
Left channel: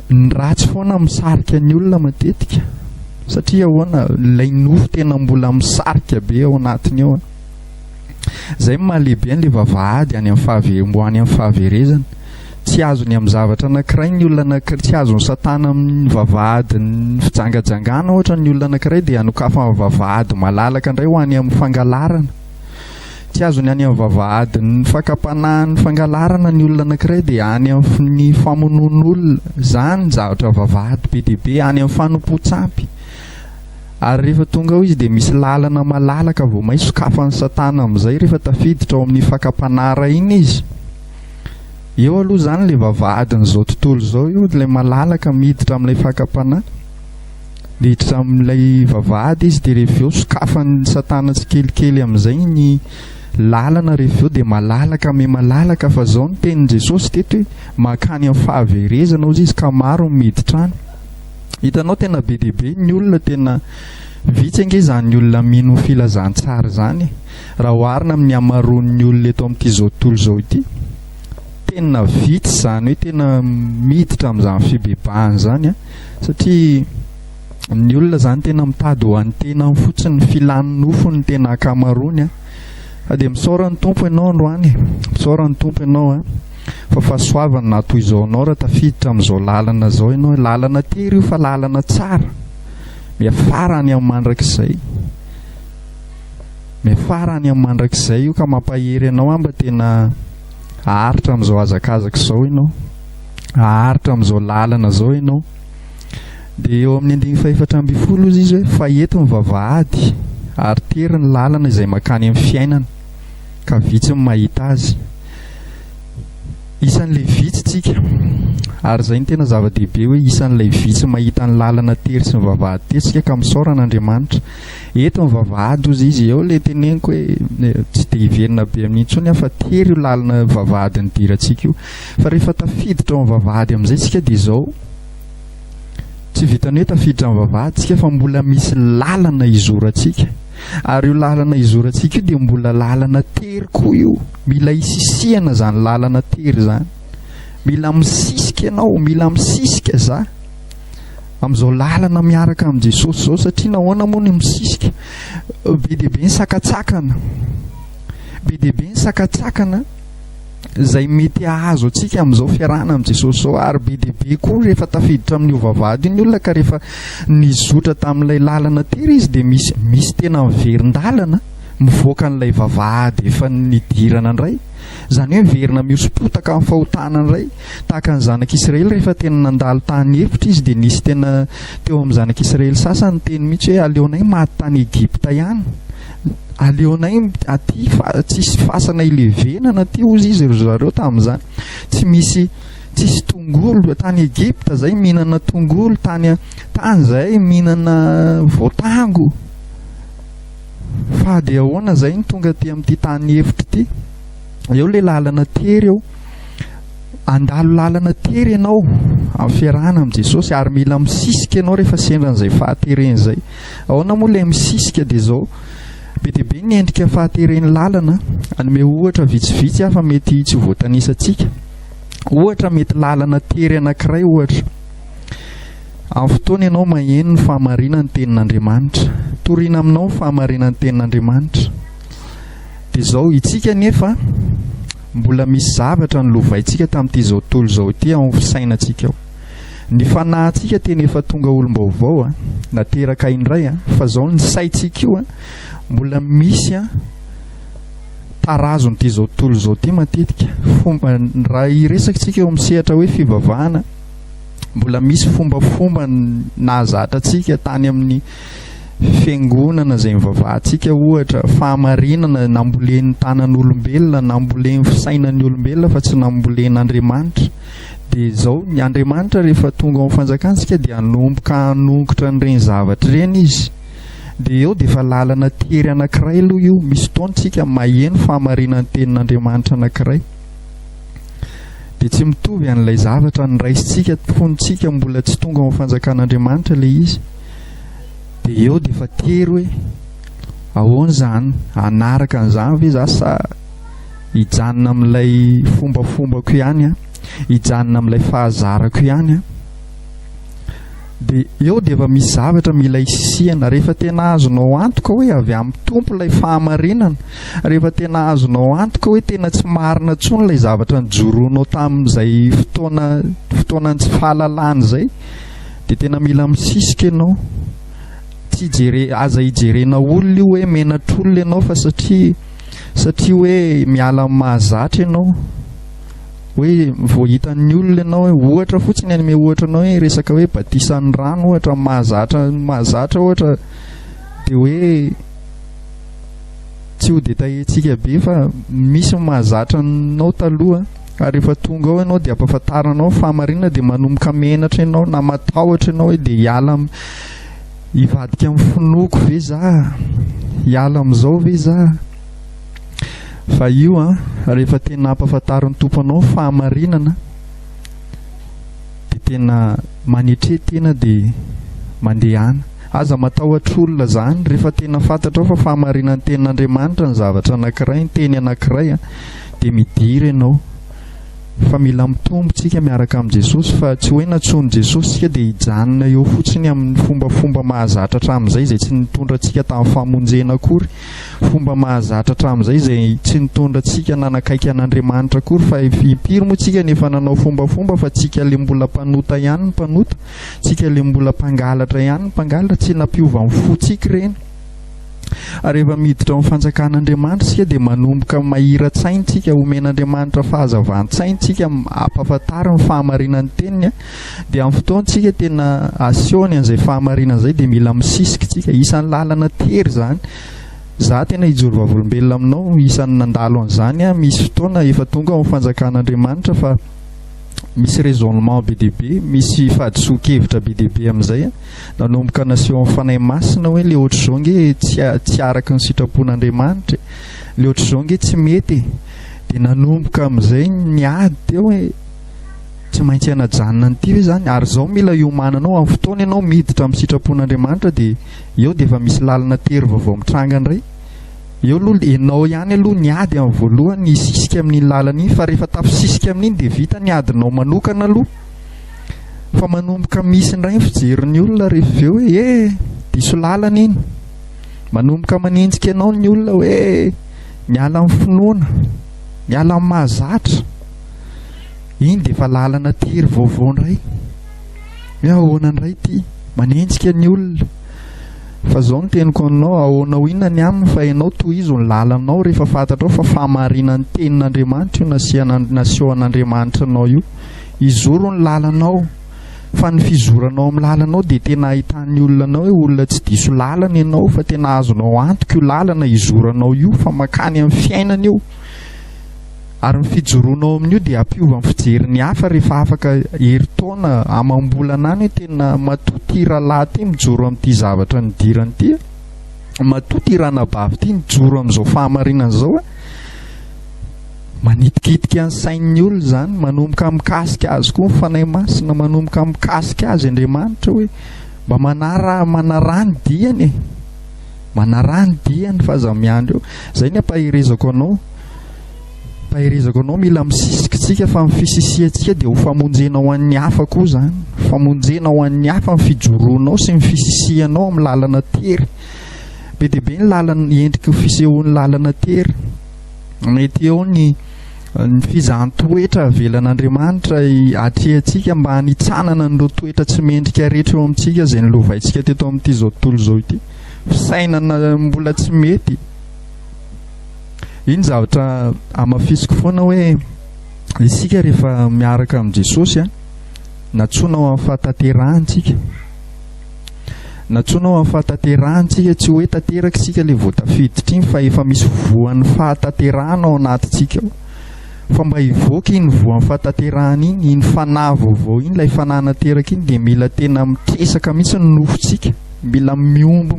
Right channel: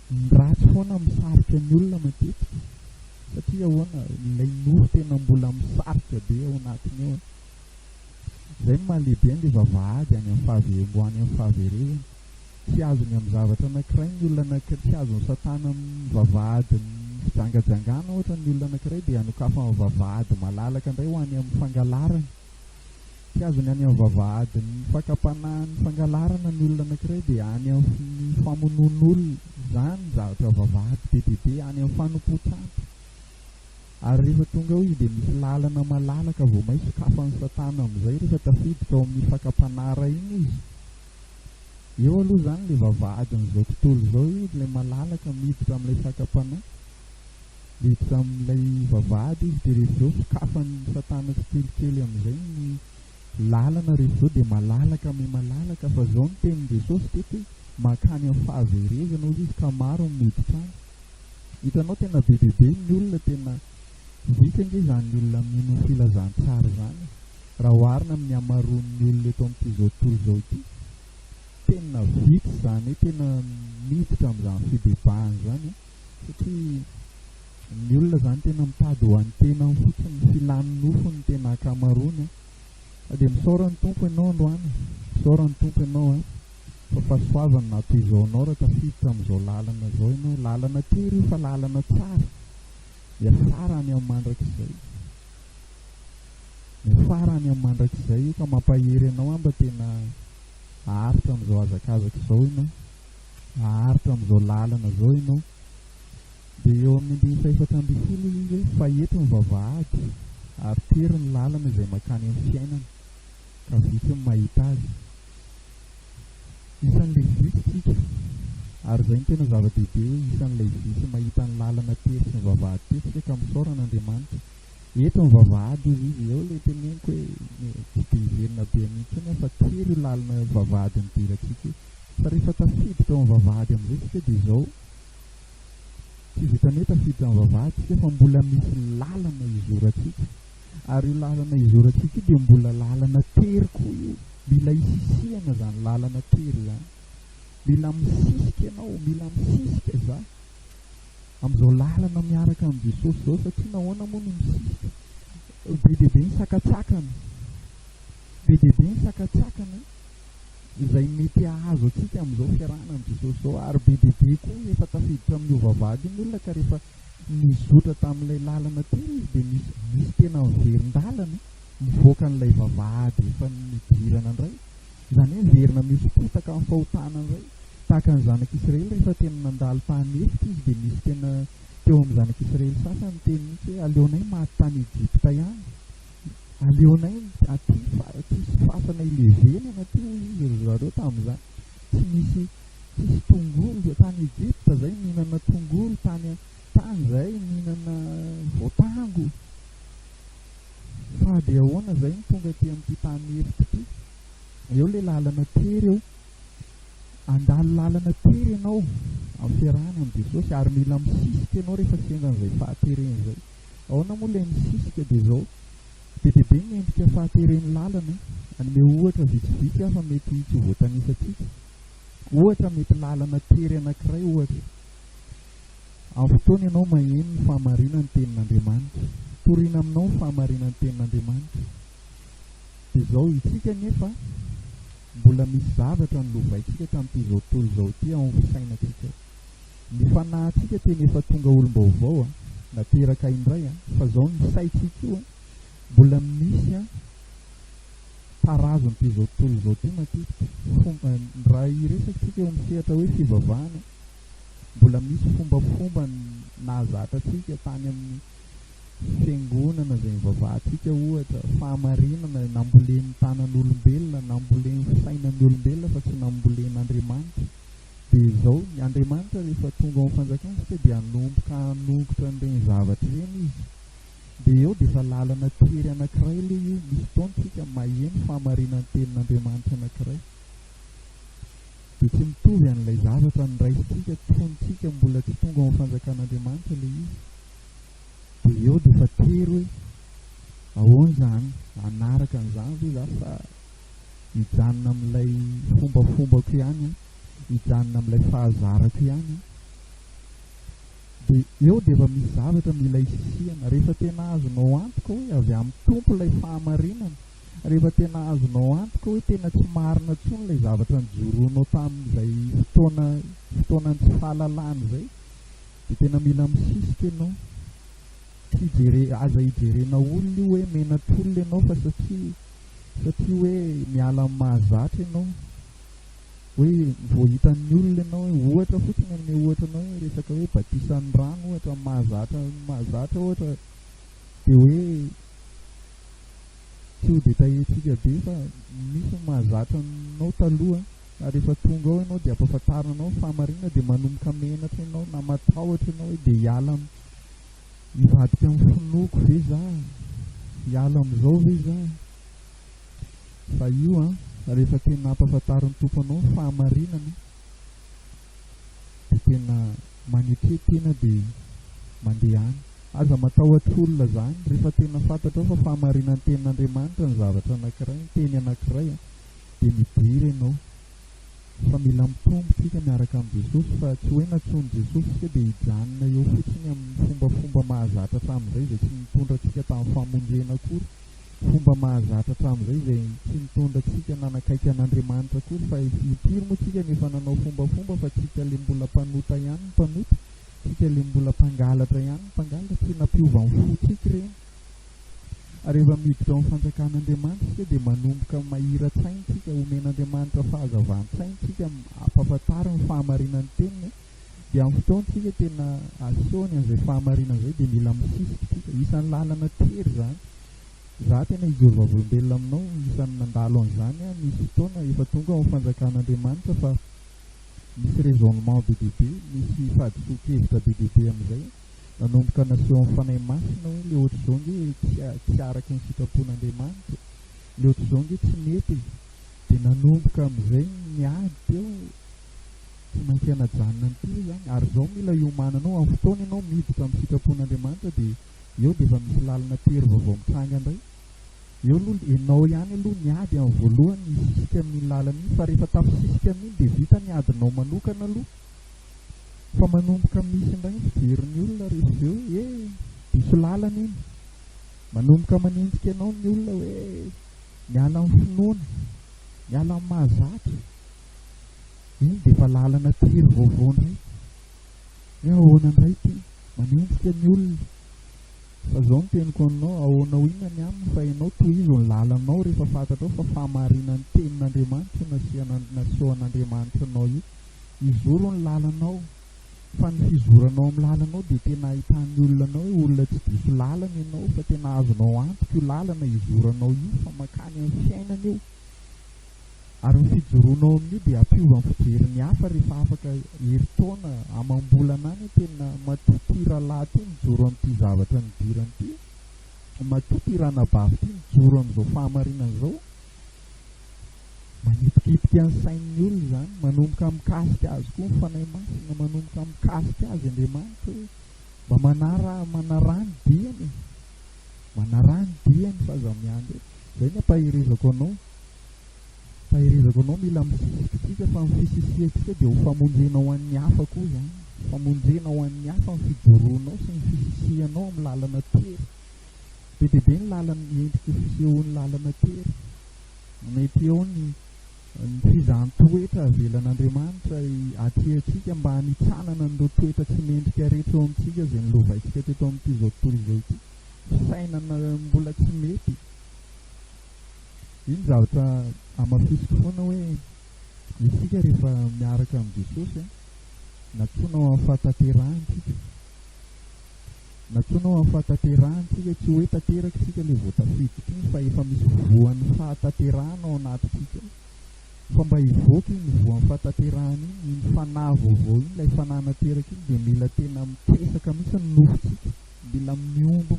ny ratsy foana misarika ny olona matetika, satria ahoana ilay nofo tena mbola misarika be ao anatiny ao. Izay mahalehibe an'ilay vavahady any amin'ny fahaverezana. Tsy azony amin'ny zavatra anankiray ny olona anankiray, tsy azony satana amin'ny vavahady ny fijangajangana ohatra ny olona anankiray, dia anokafa amin'ny vavahady malalaka indray ho any amin'ny fangalarana. tsy azony any amin'ny vavahady ny fakapanahany fangalarana ny olona anankiray dia any amin'ny famonoan'olona zany zavatra vavahady be dia be any amin'ny fanompo-tsampy. Ary rehefa tonga ao izy dia misy lalana malalaka vao may sokafan'ny satana amin'izay rehefa tafiditra ao amin'ny fakapanahara iny izy. Eo aloha zany ilay vavahadin'izao tontolo izao io ilay malalaka miditra amin'ilay fakapanahy. Miditra amin'ilay vavahady izy dia rehefa eo sokafan'ny satana tsikelikely amin'izay ny lalana rehefa eo dia malalaka me malalaka fa zao ny tenin' Jesosy teto hoe mankany amin'ny fahaverezana ozy izy ka maro miditra any. Hitanao tena be dia be ny olona tena vitsy ange zany olona mino filazantsara zany raha oharina amin'ny amaroan'ny olona eto amin'ity zao tontolo zao ity. Tena vitsy zany hoe tena miditra amin'izany fibebahana zany satria ny olona zany tena mitady ho an'ny tena fotsiny filany nofo ny tena akamaroany fa dia misaora ny tompo ianao androany, misaora ny tompo ianao fa fahasoavana na toy izao anao raha tafiditra amin'izao lalana zao ianao. Lalana tery io fa lalana tsara, miafara any amin'ny mandrakizay, miafara any amin'ny mandrakizay io ka mampahery ianao mba tena aharitra amin'izao hazakazaka izao ianao, aharitra amin'izao lalana zao ianao. Dia eo amin'ny 1:4 izy hoe fa eto ny vavahady ary tery ny lalana izay mankany amin'ny fiainana ka vitsy ny mahita azy. Isan'ilay vitsy tsika ary zay ny tena zava-dehibe hoe isan'ilay vitsy mahita ny lalana tery sy ny vavahady tery tsika ka misaoran'Andriamanitra. Eto ny vavahady ozy izy eo ilay teneniko hoe tsy dia hiverina be amin'iny intsony fa tery io lalana vavahady ny dirantsika io. Fa rehefa tafiditra ao amin'ny vavahady amin'izay tsika dia izao tsy vitany hoe tafiditra amin'ny vavahady tsika fa mbola misy lalana izorantsika. Ary io lalana izorantsika io dia mbola lalana tery koa io. Mila isisihana zany lalana tery zany. Mila misisika ianao, mila misisika za amin'izao lalana miaraka amin'i Jesosy zao satria nahoana moa ny misisika? Be dia be ny sakatsakana, be dia be ny sakatsakana izay mety ahazo antsika amin'izao fiarahana amin'i Jesosy zao. Ary be dia be koa rehefa tafiditra amin'io vavahady iny olona ka rehefa nizotra tamin'ilay lalana tery izy dia misy tena miverin-dalana mivoaka n'ilay vavahady efa nidirana indray. Zany hoe miverina mihosom-potaka amin'ny fahotana indray tahaka ny zanak'Israely rehefa tena nandalo tany hevitra izy dia nisy tena teo amin'ny zanak'Israely sasany teny mihitsy hoe aleonay maty tany Egipta ihany, aleonay aty tsisy fasana ilevenana aty ozy izy zareo tamin'izany. Tsisy tongolo tany Egipta zay mihinana tongolo, tany zay mihinana voatango. Fa dia ahoana zay ny tonga aty amin'ity tany hevitra ity? Eo ilay lalana tery eo, andalo lalana tery ianao amin'ny fiarahana amin'ny Jesosy ary mila misisika ianao rehefa sendra an'izay fahatereny izay. Ahoana moa ilay misisika dia izao be dia be ny endrika fahatereny lalana. Anome ohatra vitsivitsy fa mety tsy voatanisantsika. Ohatra mety lalana tery anankiray ohatra. Amin'ny fotoana ianao maheno ny fahamarinana ny tenin'Andriamanitra, toriana aminao ny fahamarinana ny tenin'Andriamanitra. Dia izao itsika nefa mbola misy zavatra ny lovaintsika tamin'ity zao tontolo izao ity ao amin'ny fisainantsika ao. Ny fanahintsika tena efa tonga olom-baovao nateraka indray fa zao ny saintsika io mbola misy tarazon'ity zao tontolo izao ity matetika. Fomba raha iresakantsika eo misehatra hoe fivavahana, mbola misy fombafomba nahazatra antsika tany amin'ny fiangonana izay mivavahantsika, ohatra fahamarinana nambolen'ny tanan'olombelona, nambolen'ny fisainan'ny olombelona fa tsy nambolen'Andriamanitra. Dia izao ny Andriamanitra rehefa tonga ao amin'ny fanjakantsika dia hanomboka hanongotra n'ireny zavatra ireny izy. Dia eo dia efa lalana tery anankiray aloha io. Misy fotoantsika maheno fahamarinan'ny tenin'Andriamanitra anankiray dia tsy mitovy an'ilay zavatra niraisintsika fontsika mbola tsy tonga ao amin'ny fanjakan'Andriamanitra ilay izy. Dia eo dia efa tery hoe ahoana zany, hanaraka an'izany ve za sa hijanona amin'ilay fombafombako ihany hijanona amin'ilay fahazarako ihany Dia eo dia efa misy zavatra mila isisihana. Rehefa tena azonao antoka hoe avy amin'ny tompo ilay fahamarinana, rehefa tena azonao antoka hoe tena tsy marina intsony ilay zavatra nijoroanao tamin'izay fotoanany tsy fahalalana izay, dia tena mila misisika ianao. Tsy aza hijerena olona io hoe menatr'olona ianao fa satria satria hoe miala mahazatra ianao hoe voahitan'ny olona ianao hoe ohatra fotsiny any me ohatra anao hoe resaka hoe batisan'ny rano ohatra mahazatra ohatra dia hoe tsy ho dia tahentsika be fa misy mahazatra anao taloha ary rehefa tonga ao ianao dia ampahafantaranao fahamarinana dia manomboka menatra ianao na matahotra ianao hoe dia hiala hivadika amin'ny finoko ve za hiala amin'izao ve za fa io rehefa tena ampahafantaran'ny tomponao fahamarinana dia tena manetretena dia mandehana aza matahotra olona zany rehefa tena fantatra fa fahamarinan'ny tenin'Andriamanitra ny zavatra anankiray ny teny anankiray dia midira ianao fa mila mitombotsika miaraka amin'i Jesosy fa tsy hoe natsoiny Jesosy sika dia hijanona eo fotsiny amin'ny fombafomba mahazatra hatramin'izay izay tsy nitondra antsika tamin'ny famonjena akory fomba mahazatra hatramin'izay izay tsy nitondra antsika nanakaiky an'Andriamanitra akory fa impiry moa tsika nefa nanao fombafomba fa tsika ilay mbola mpanota ihany ny mpanota tsika ilay mbola mpangalatra ihany ny mpangalatra tsy nampiova amin'ny fotsika ireny ary rehefa miditra amin'ny fanjakan'Andriamanitra sika dia manomboka mahira-tsaintsika omen'Andriamanitra fahazavantsaintsika ampahafantarany fahamarinan'ny teniny dia amin'ny fotoantsika tena asehoany an'izay fahamarinana izay dia mila misisika tsika isan'ny lalana tery zany za tena hijoro vavolombelona aminao isan'ny nandalo an'izany misy fotoana efa tonga amin'ny fanjakan'Andriamanitra fa misy raisonnement be dia be misy fahadisoan-kevitra be dia be amin'izay nanomboka naseho amin'ny fanahy masina hoe le ohatr'izao nge tsy araka ny sitrapon'Andriamanitra le ohatr'izao nge tsy mety dia nanomboka amin'izay niady teo hoe tsy maintsy hanajanona an'ity ve zany ary izao mila iomananao amin'ny fotoana ianao miditra amin'ny sitrapon'Andriamanitra dia eo dia efa misy lalana tery vaovao mitranga indray eo aloha ianao ihany aloha niady amin'ny voalohany hisisika amin'iny lalana iny fa rehefa tafisisika amin'iny dia vita niadinao manokana aloha fa manomboka misy indray fijerin'ny olona rehefa avy eo hoe diso lalana iny manomboka manenjika ianao ny olona hoe miala amin'ny finoana miala amin'ny mahazatra iny dia efa lalana tery vaovao indray hoe ahoana indray ity manenjika ny olona fa izao ny teniko aminao ahoanao inona ny aminy fa ianao toy izy ny lalanao rehefa fantatrao fa fahamarinan'ny tenin'Andriamanitra io nasehoan'Andriamanitra anao io izoro ny lalanao fa ny fizoranao amin'ny lalanao dia tena ahitan'ny olona anao hoe olona tsy diso lalana ianao fa tena azonao antoka io lalana izoranao io fa makany amin'ny fiainana io ary ny fijoroanao amin'io dia ampiova amin'ny fijeriny hafa rehefa afaka herintaona amam-bolana any hoe tena matoty rahalahy ty mijoro amin'ity zavatra nidirany ity matoty ranabavy ity mijoro amin'izao fahamarinana izao manitikitika ny sain'ny olona zany manomboka mikasika azy koa ny fanahy masina manomboka mikasika azy Andriamanitra hoe mba manarany diany manarany diany fa aza miandro eo izay ny ampaherezako anao mila misisikintsika fa amin'ny fisisiantsika dia ho famonjena ho an'ny hafa koa zany famonjena ho an'ny hafa ny fijoroanao sy ny fisisianao amin'ny lalana tery be dia be ny lalana endrika fisehoan'ny lalana tery mety eo ny fizahn-toetra avelan'Andriamanitra atrehantsika mba hanitsanana n'ireo toetra tsy mendrika rehetra eo amintsika izay nilovaintsika teto amin'ity zao tontolo izao ity fisainana mbola tsy mety iny zavatra amafisiko foana hoe isika rehefa miaraka amin'i Jesosy natsoinao amin'ny fahatanterantsika natsoinao amin'ny fahatanterantsika tsy hoe tanteraka isika ilay voatafiditra iny fa efa misy voan'ny fahatanterahana ao anatintsika ao fa mba hivoaka iny voan'ny fahatanterahana iny fanahy vaovao iny ilay fanahy nateraka iny dia mila tena mitresaka mihitsy ny nofontsika mila miombo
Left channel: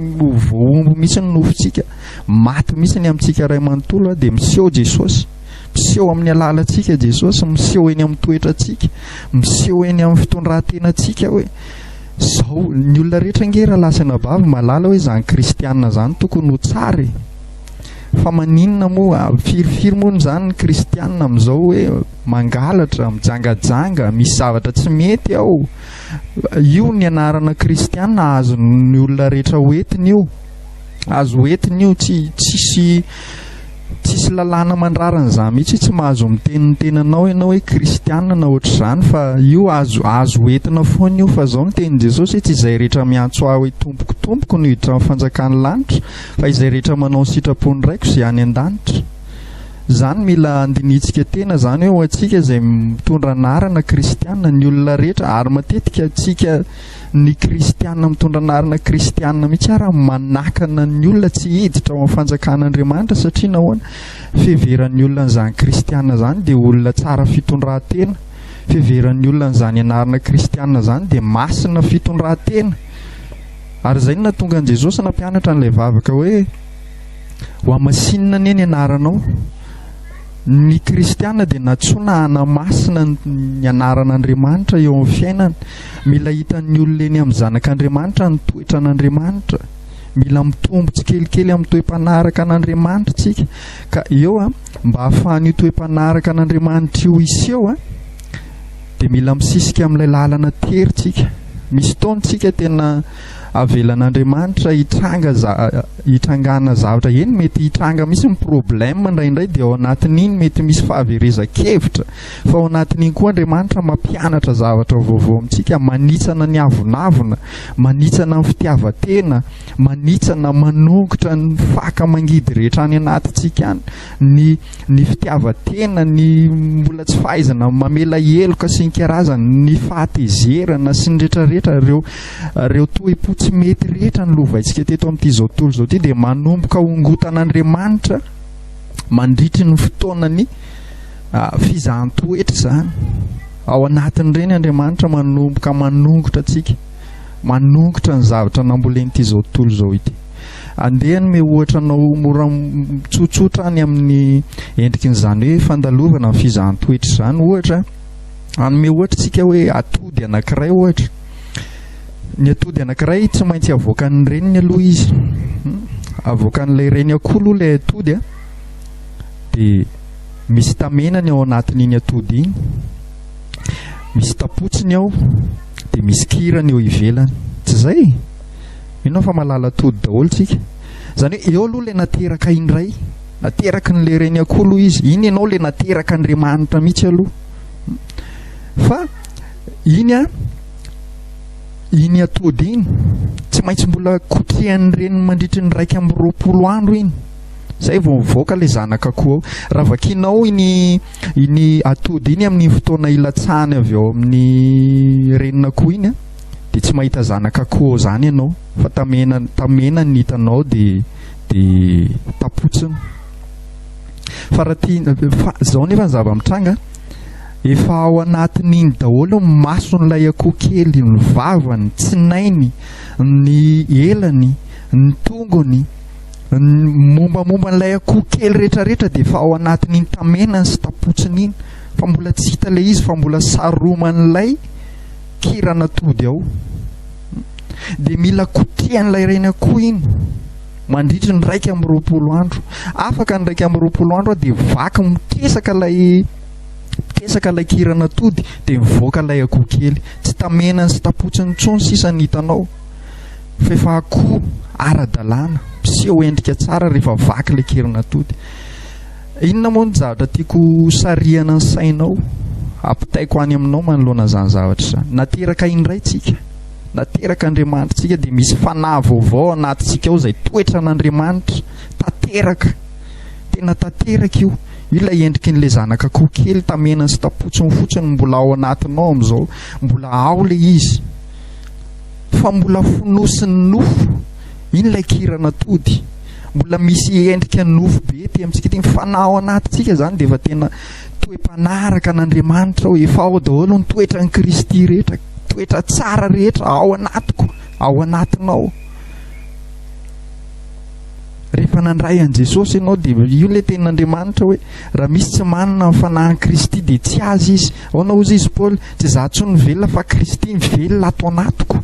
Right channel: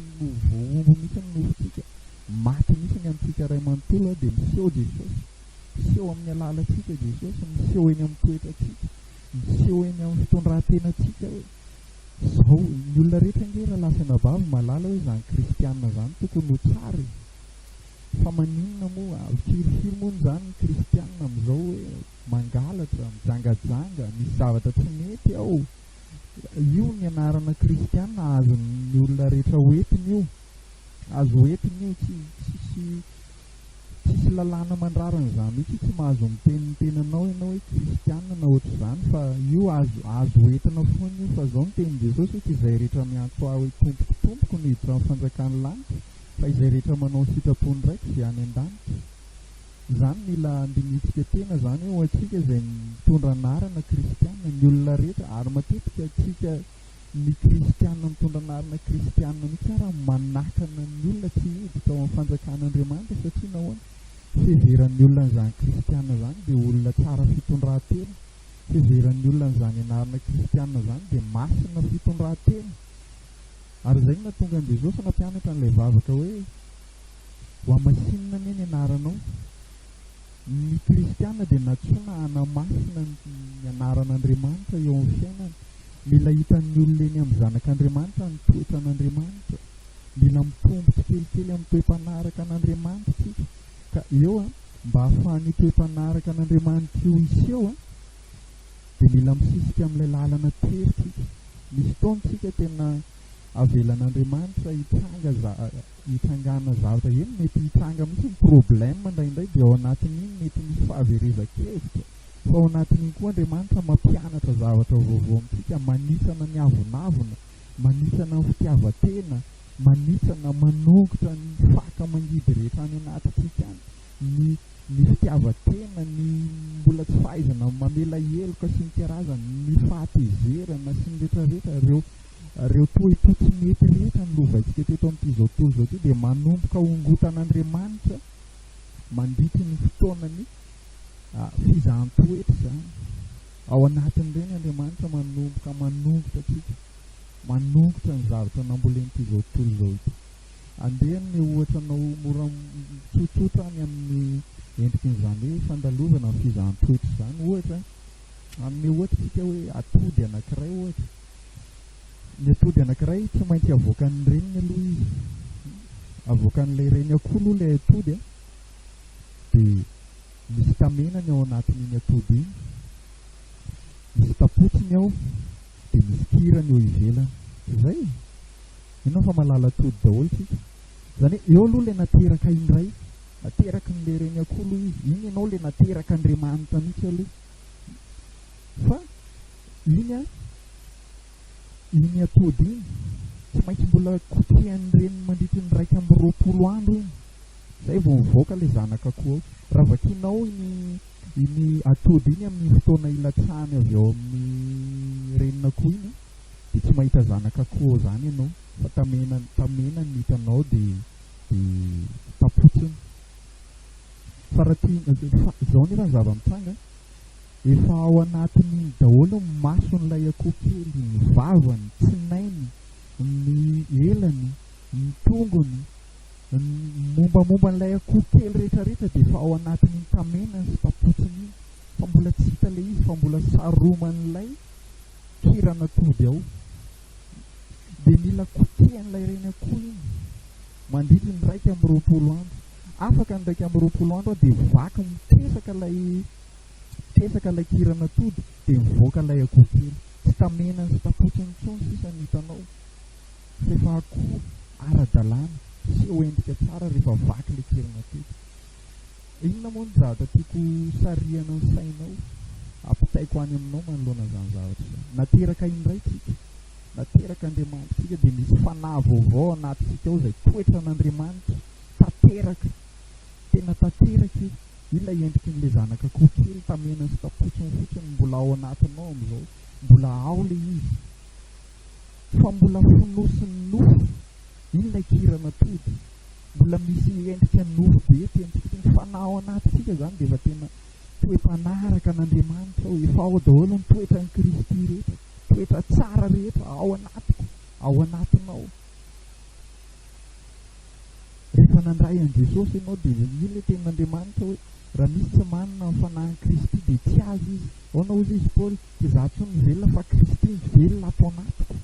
voaombo mihitsy ny nofontsika maty mihitsy ny amintsika ray manontolo dia miseho Jesosy miseho amin'ny alalantsika Jesosy miseho eny amin'ny toetrantsika miseho eny amin'ny fitondrantenantsika hoe zao ny olona rehetra nge raha lasa nabavy malala hoe zany kristianina zany tokony ho tsara fa maninona moa firifiry moa zany ny kristianina amin'izao hoe mangalatra mijangajanga misy zavatra tsy mety ao io ny anarana kristianina azo ny olona rehetra hoentiny io azo hoentiny io tsisy lalàna mandrarana izany mihitsy tsy mahazo miteniny tenanao ianao hoe kristianina na ohatr'izany fa io azo hoentina foana io fa izao ny tenin' Jesosy hoe tsy izay rehetra miantso aho hoe tompoko no hiditra amin'ny fanjakan'ny lanitra fa izay rehetra manao ny sitrapony raiko izay any an-danitra Zany mila andinitsika tena zany hoe atsika izay mitondra anarana kristianina ny olona rehetra, ary matetika atsika ny kristianina mitondra anarana kristianina mihitsy ary manakana ny olona tsy hiditra ao amin'ny fanjakan'Andriamanitra, satria nahoana fiheveran'ny olona n'izany kristianina zany dia olona tsara fitondran-tena, fiheveran'ny olona n'izany anarana kristianina zany dia masina fitondran-tena. Ary izay no nahatonga an'i Jesosy nampianatra an'ilay vavaka hoe ho amasinina anie ny anaranao. Ny kristianina dia natsoina hanamasina ny anaran'Andriamanitra eo amin'ny fiainana. Mila hitan'ny olona eny amin'ny zanak'Andriamanitra ny toetra an'Andriamanitra, mila mitombo tsikelikely amin'ny toe-panaraka an'Andriamanitra tsika. Ka eo mba hahafahan'io toe-panaraka an'Andriamanitra io iseho dia mila misisika amin'ilay lalana tery tsika. Misy taontsika tena avelan'Andriamanitra hitrangana zavatra eny, mety hitranga misy ny problème indraindray dia ao anatin'iny mety misy fahaverezan-kevitra, fa ao anatin'iny koa Andriamanitra mampianatra zavatra vaovao amintsika, manitsana ny avonavona, manitsana ny fitiavan-tena, manitsana manongotra ny faka mangidy rehetra any anatintsika any, ny fitiavan-tena, ny mbola tsy fahaizana mamela heloka sy ny karazany, ny fahatezerana sy ny rehetrarehetra, ireo toe-po tsy mety rehetra ny lovaintsika teto amin'ity zao tontolo zao ity dia manomboka hongotan'Andriamanitra mandritry ny fotoanany fizahan-toetra zany. Ao anatin'ireny Andriamanitra manomboka manongotra atsika, manongotra ny zavatra nambolen'ity zao tontolo zao ity. Andehany me ohatra anao mora tsotsotra any amin'ny endrikin'izany hoe fandalovana ny fizahan-toetra zany. Ohatra anome ohatra tsika hoe atody anankiray ohatra. Ny atody anankiray tsy maintsy avoakan'ny reniny aloha izy, avoakan'ilay reny akolo ilay atody dia misy tamenany ao anatin'iny atody iny, misy tapotsiny ao dia misy kirany eo ivelany. Tsy zay? Inona fa malala atody daholo tsika. Zany hoe eo aloha ilay nateraka indray, nateraka n'ilay reny akolo izy, iny ianao ilay nateraka Andriamanitra mihitsy aloha. Fa iny atody iny tsy maintsy mbola kotrihan'ny reny mandritry ny 120 andro iny, zay vao mivoaka ilay zanak'akoho ao. Raha vakinao iny atody iny amin'ny fotoana ilatsahany avy ao amin'ny renin'akoho iny dia tsy mahita zanak'akoho zany ianao, fa tamena ny hitanao dia tapotsiny. Fa zao nefa ny zava-mitranga, efa ao anatin'iny daholo ny mason'ilay akoho kely, ny vavany, ny tsinainy, ny elany, ny tongony, ny mombamomban'ilay akoho kely rehetrarehetra dia efa ao anatin'iny tamenany sy tapotsiny iny. Fa mbola tsy hita ilay izy, fa mbola saroman'ilay kiran'atody ao. Dia mila kotrihan'ilay reny akoho iny mandritry ny 120 andro. Afaka ny 120 andro dia vaky mitesaka ilay kiran'atody dia mivoaka ilay akoho kely. Tsy tamenany sy tapotsiny intsony sisa ny hitanao, fa efa akoho ara-dalàna, miseho endrika tsara rehefa vaky ilay kiran'atody. Inona moa ny zavatra tiako sarihana ny sainao, ampitaiko any aminao manoloana izany zavatra izany? Nateraka indray tsika, nateraka Andriamanitra tsika dia misy fanahy vaovao anatintsika ao izay toetra n'Andriamanitra tanteraka, tena tanteraka io. Ilay endrikin'ilay zanak'akoho kely tamenany sy tapotsiny fotsiny mbola ao anatinao amin'izao, mbola ao ilay izy, fa mbola fonosiny nofo iny ilay kiran'atody, mbola misy endrika nofo be ty amintsika ty. Fanahy ao anatintsika zany dia efa tena toe-panaraka an'Andriamanitra ao, efa ao daholo ny toetra ny Kristy rehetra, toetra tsara rehetra ao anatiko, ao anatinao. Rehefa nandray an' Jesosy ianao dia io ilay tenin'Andriamanitra hoe raha misy tsy manana ny fanahin'i Kristy dia tsy azy izy. Ahoana hozy izy Paoly? Tsy izaho intsony velona fa Kristy velona ato anatiko.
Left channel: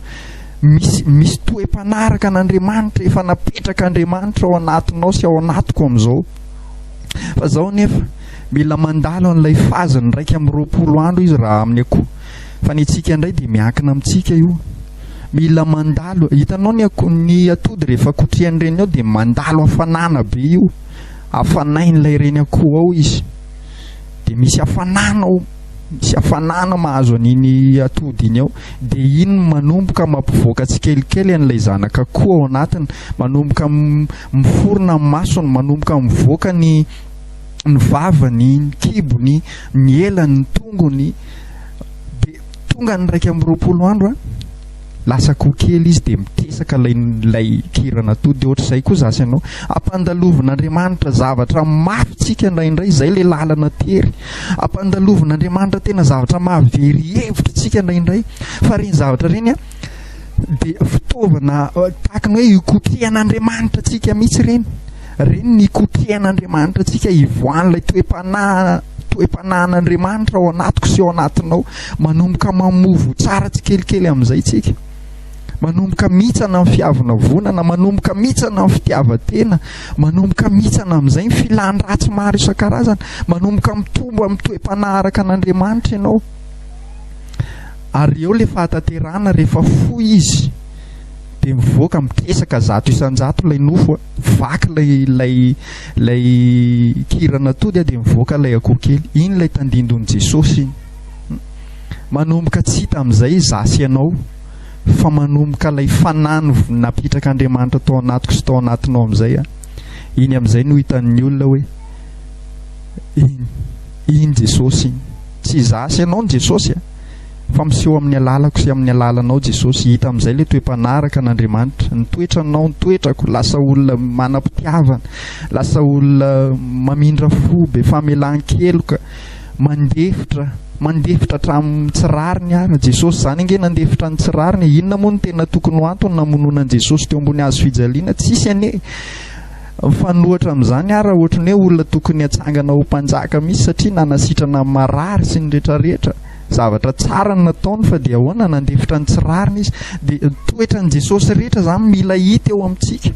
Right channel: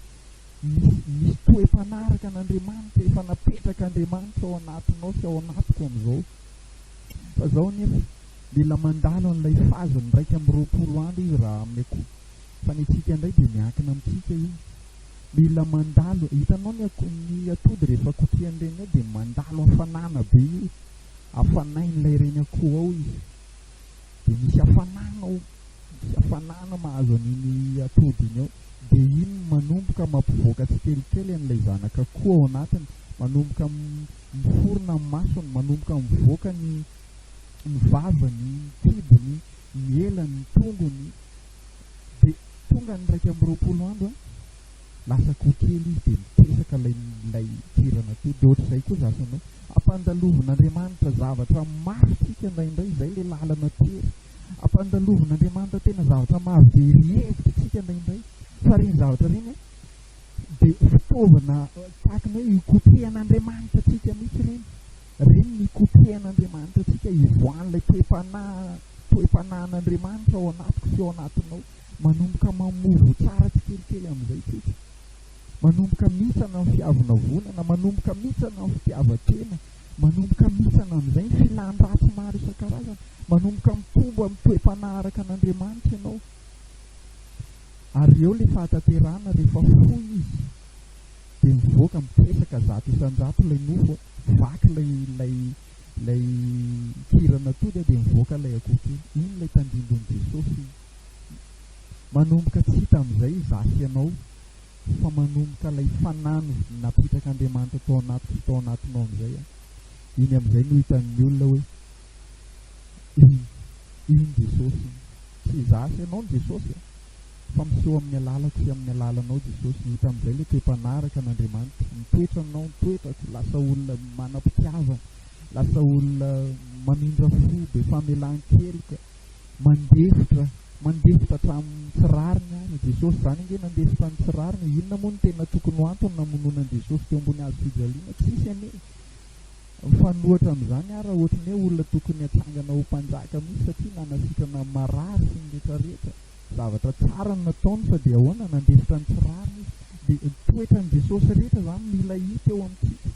Misy toe-panaraka an'Andriamanitra, efa napetraka Andriamanitra ao anatinao sy ao anatiko amin'izao. Fa izao nefa mila mandalo an'ilay fazany 120 andro izy raha amin'ny akoho. Fa ny antsika indray dia miankina amintsika io, mila mandalo. Hitanao ny atody rehefa kotrihany reny ao dia mandalo hafanana be io, hafanain'ilay reny akoho ao izy, dia misy hafanana mahazo an'iny atody iny ao, dia iny manomboka mampivoaka tsikelikely an'ilay zanak'akoho ao anatiny, manomboka miforona ny masony, manomboka mivoaka ny ny vavany, ny kibony, ny elany, ny tongony, dia tonga ny 120 andro lasa kokely izy dia mitesaka lay kirana to. Dia ohatr'izay koa zasy ianao ampandalovon'Andriamanitra zavatra mafytsika indraindray, izay le lalana tery. Ampandalovon'Andriamanitra tena zavatra mahavery hevitra tsika indraindray, fa reny zavatra reny dia fitaovana tahaka ny hoe ikotehan'Andriamanitra tsika mihitsy reny ny ikotehan'Andriamanitra tsika ivoan'ilay toe-panahan'Andriamanitra ao anatiko sy ao anatinao, manomboka mamovo tsara tsikelikely amin'izay tsika, manomboka mitsana amin'ny fiavonavonana, manomboka mitsana amin'ny fitiavatena, manomboka mitsana amin'izay ny filan-dratsy maro isan-karazana, manomboka mitombo amin'ny toe-panaharaka an'Andriamanitra ianao. Ary eo le fahatanterahana rehefa foy izy dia mivoaka mitesaka 100 isan-jato lay nofo, vaky lay kirana tody dia mivoaka lay akoho kely. Iny lay tandindon'i Jesosy iny. Manomboka tsy hita amin'izay zasy ianao, fa manomboka lay fanahy napitraka-Andriamanitra tao anatiko sy tao anatinao amin'izay iny amin'izay no hitan'ny olona hoe iny Jesosy iny. Tsy zasy ianao ny Jesosy fa miseho amin'ny alalako sy amin'ny alalanao Jesosy. Hita amin'izay le toe-panaraka an'Andriamanitra, ny toetranao, ny toetrako, lasa olona manam-pitiavana, lasa olona mamindra fo, be famelan-keloka, mandefitra hatramin'ny tsirariny ara. Jesosy zany ange nandefitra ny tsirariny. Inona moa ny tena tokony ho antony namonoana an'i Jesosy teo ambony hazo fijaliana? Tsisy anie. Mifanohitra amin'izany ara ohatrany hoe olona tokony hatsangana ho mpanjaka mihitsy, satria nanasitrana marary sy ny rehetrarehetra. Zavatra tsara ny nataony, fa dia ahoana nandefitra ny tsirariny izy. Dia toetra ny Jesosy rehetra zany mila hita eo amintsika.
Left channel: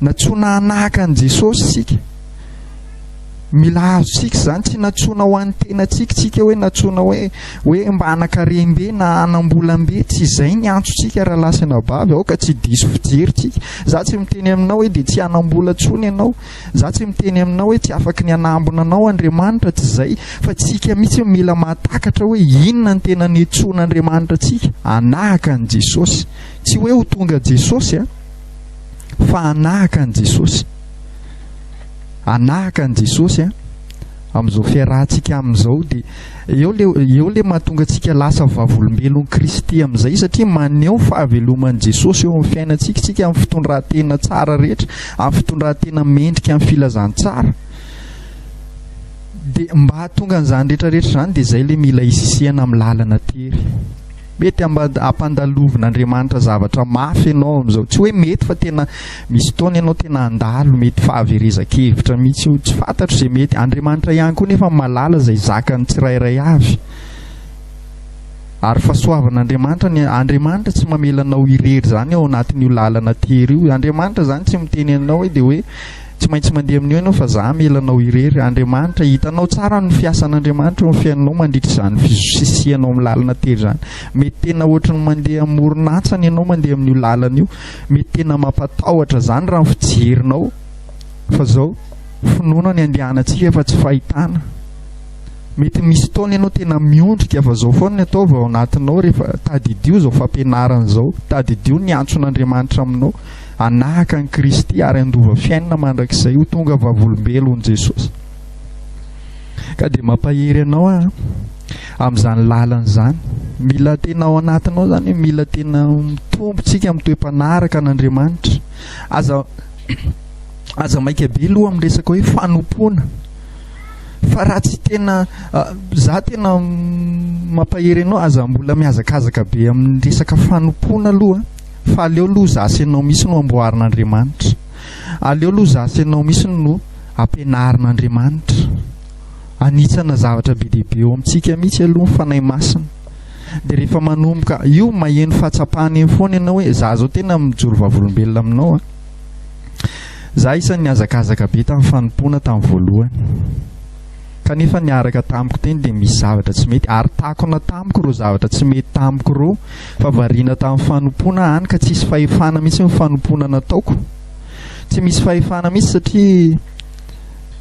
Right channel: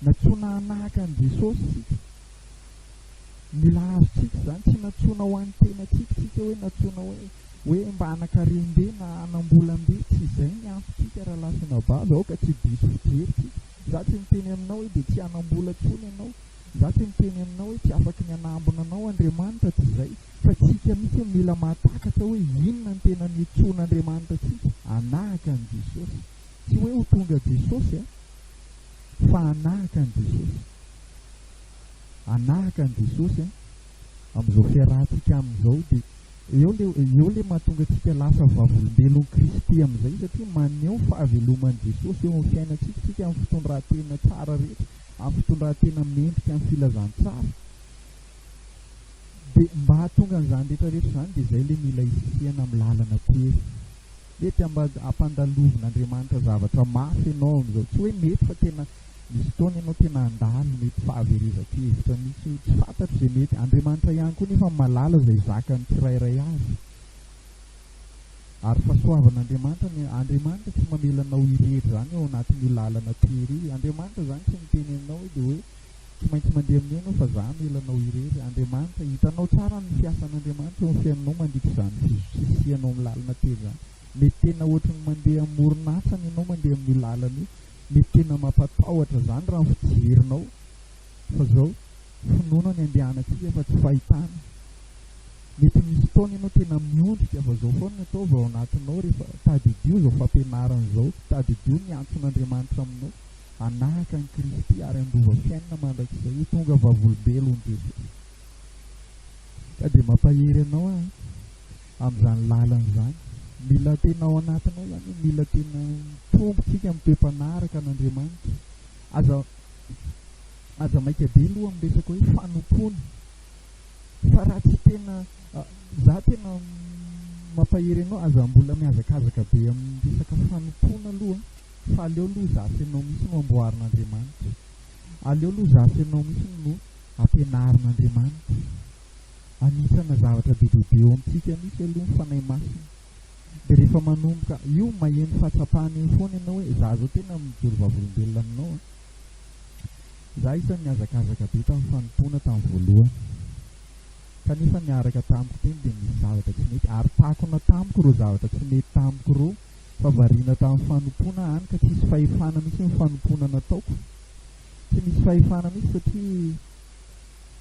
Natsoina hanahaka ny Jesosy sika, mila azo sika zany, tsy natsoina ho an'ny tenantsika tsika hoe natsoina hoe mba hanan-karem-be na hanam-bolam-be. Tsy izay ny antsontsika raha lasana bavy ao ka tsy diso fijeritsika. Za tsy miteny aminao hoe dia tsy hanam-bola ntsony ianao, za tsy miteny aminao hoe tsy afaky ny hanambona anao Andriamanitra, tsy izay, fa tsika mihitsy mila mahatakatra hoe inona ny tena niantsoan'Andriamanitra tsika. Hanahaka ny Jesosy, tsy hoe ho tonga Jesosy fa hanahaka ny Jesosy. Hanahaka ny Jesosy amin'izao fiarahantsika amin'izao. Dia eo le mahatonga antsika lasa vavolombelon'ny Kristy amin'izay, satria maneho fahaveloman'i Jesosy eo amin'ny fiainantsika, tsika amin'ny fitondran-tena tsara rehetra, amin'ny fitondran-tena mendrika, amin'ny filazantsara. Dia mba hahatonga an'izany rehetrarehetra izany dia izay le mila hisisihana amin'ny lalana tery. Mety ampandalovon'Andriamanitra zavatra mafy ianao amin'izao, tsy hoe mety fa tena misy taona ianao tena handalo, mety fahaverezan-kevitra mihitsy, tsy fantatro izay mety. Andriamanitra ihany koa nefa malala izay zakany tsirairay avy. Ary fahasoavan'Andriamanitra, ny Andriamanitra tsy mamelanao irery zany ao anatin'io lalana tery io. Andriamanitra zany tsy miteny anao hoe dia hoe tsy maintsy mandeha amin'io ianao fa za melanao irery. Andriamanitra hitanao tsara ny fiasan'Andriamanitra eo amin'ny fiainanao mandritra izany fisisihanao amin'ny lalana tery zany. Mety tena ohatrany mandeha amoron-antsana ianao mandeha amin'io lalana io, mety tena mampatahotra zany raha ny fijerinao, fa zao finoana ny andehanantsika fa tsy fahitana. Mety misy taona ianao tena miondrika, fa zao foana ny ataova ao anatinao rehefa tadidio zao fampianarana zao, tadidio ny antson'Andriamanitra aminao. Hanahaka ny Kristy ary andova fiainana mandrakizay ho tonga vavolombelon'i Jesosy. Ka dia mampahery anao amin'izany lalana izany. Mila tena ao anatinao zany, mila tena mitombotsika amin'ny toe-panaraka an'Andriamanitra. Aza maika be aloha amin'ny resaka hoe fanompoana, fa raha tsy tena za tena mampahery anao, aza mbola mihazakazaka be amin'ny resaka fanompoana aloha. Fa aleo aloha zasy ianao misy no amboarin'Andriamanitra, aleo aloha zasy ianao misy no ampianarin'Andriamanitra, anitsana zavatra be dehibe eo amintsika mihitsy aloha ny fanahy masina. Dia rehefa manomboka io maheno fahatsapahana eny foana ianao hoe za zao tena mijoro vavolombelona aminao. Za isan'ny hazakazaka be tamin'ny fanompoana tamin'ny voalohany, kanefa niaraka tamiko teny dia misy zavatra tsy mety, ary takona tamiko ireo zavatra tsy mety tamiko ireo, fa variana tamin'ny fanompoana hany ka tsisy fahefana mihitsy ny fanompoana nataoko. Tsy misy fahefana mihitsy satria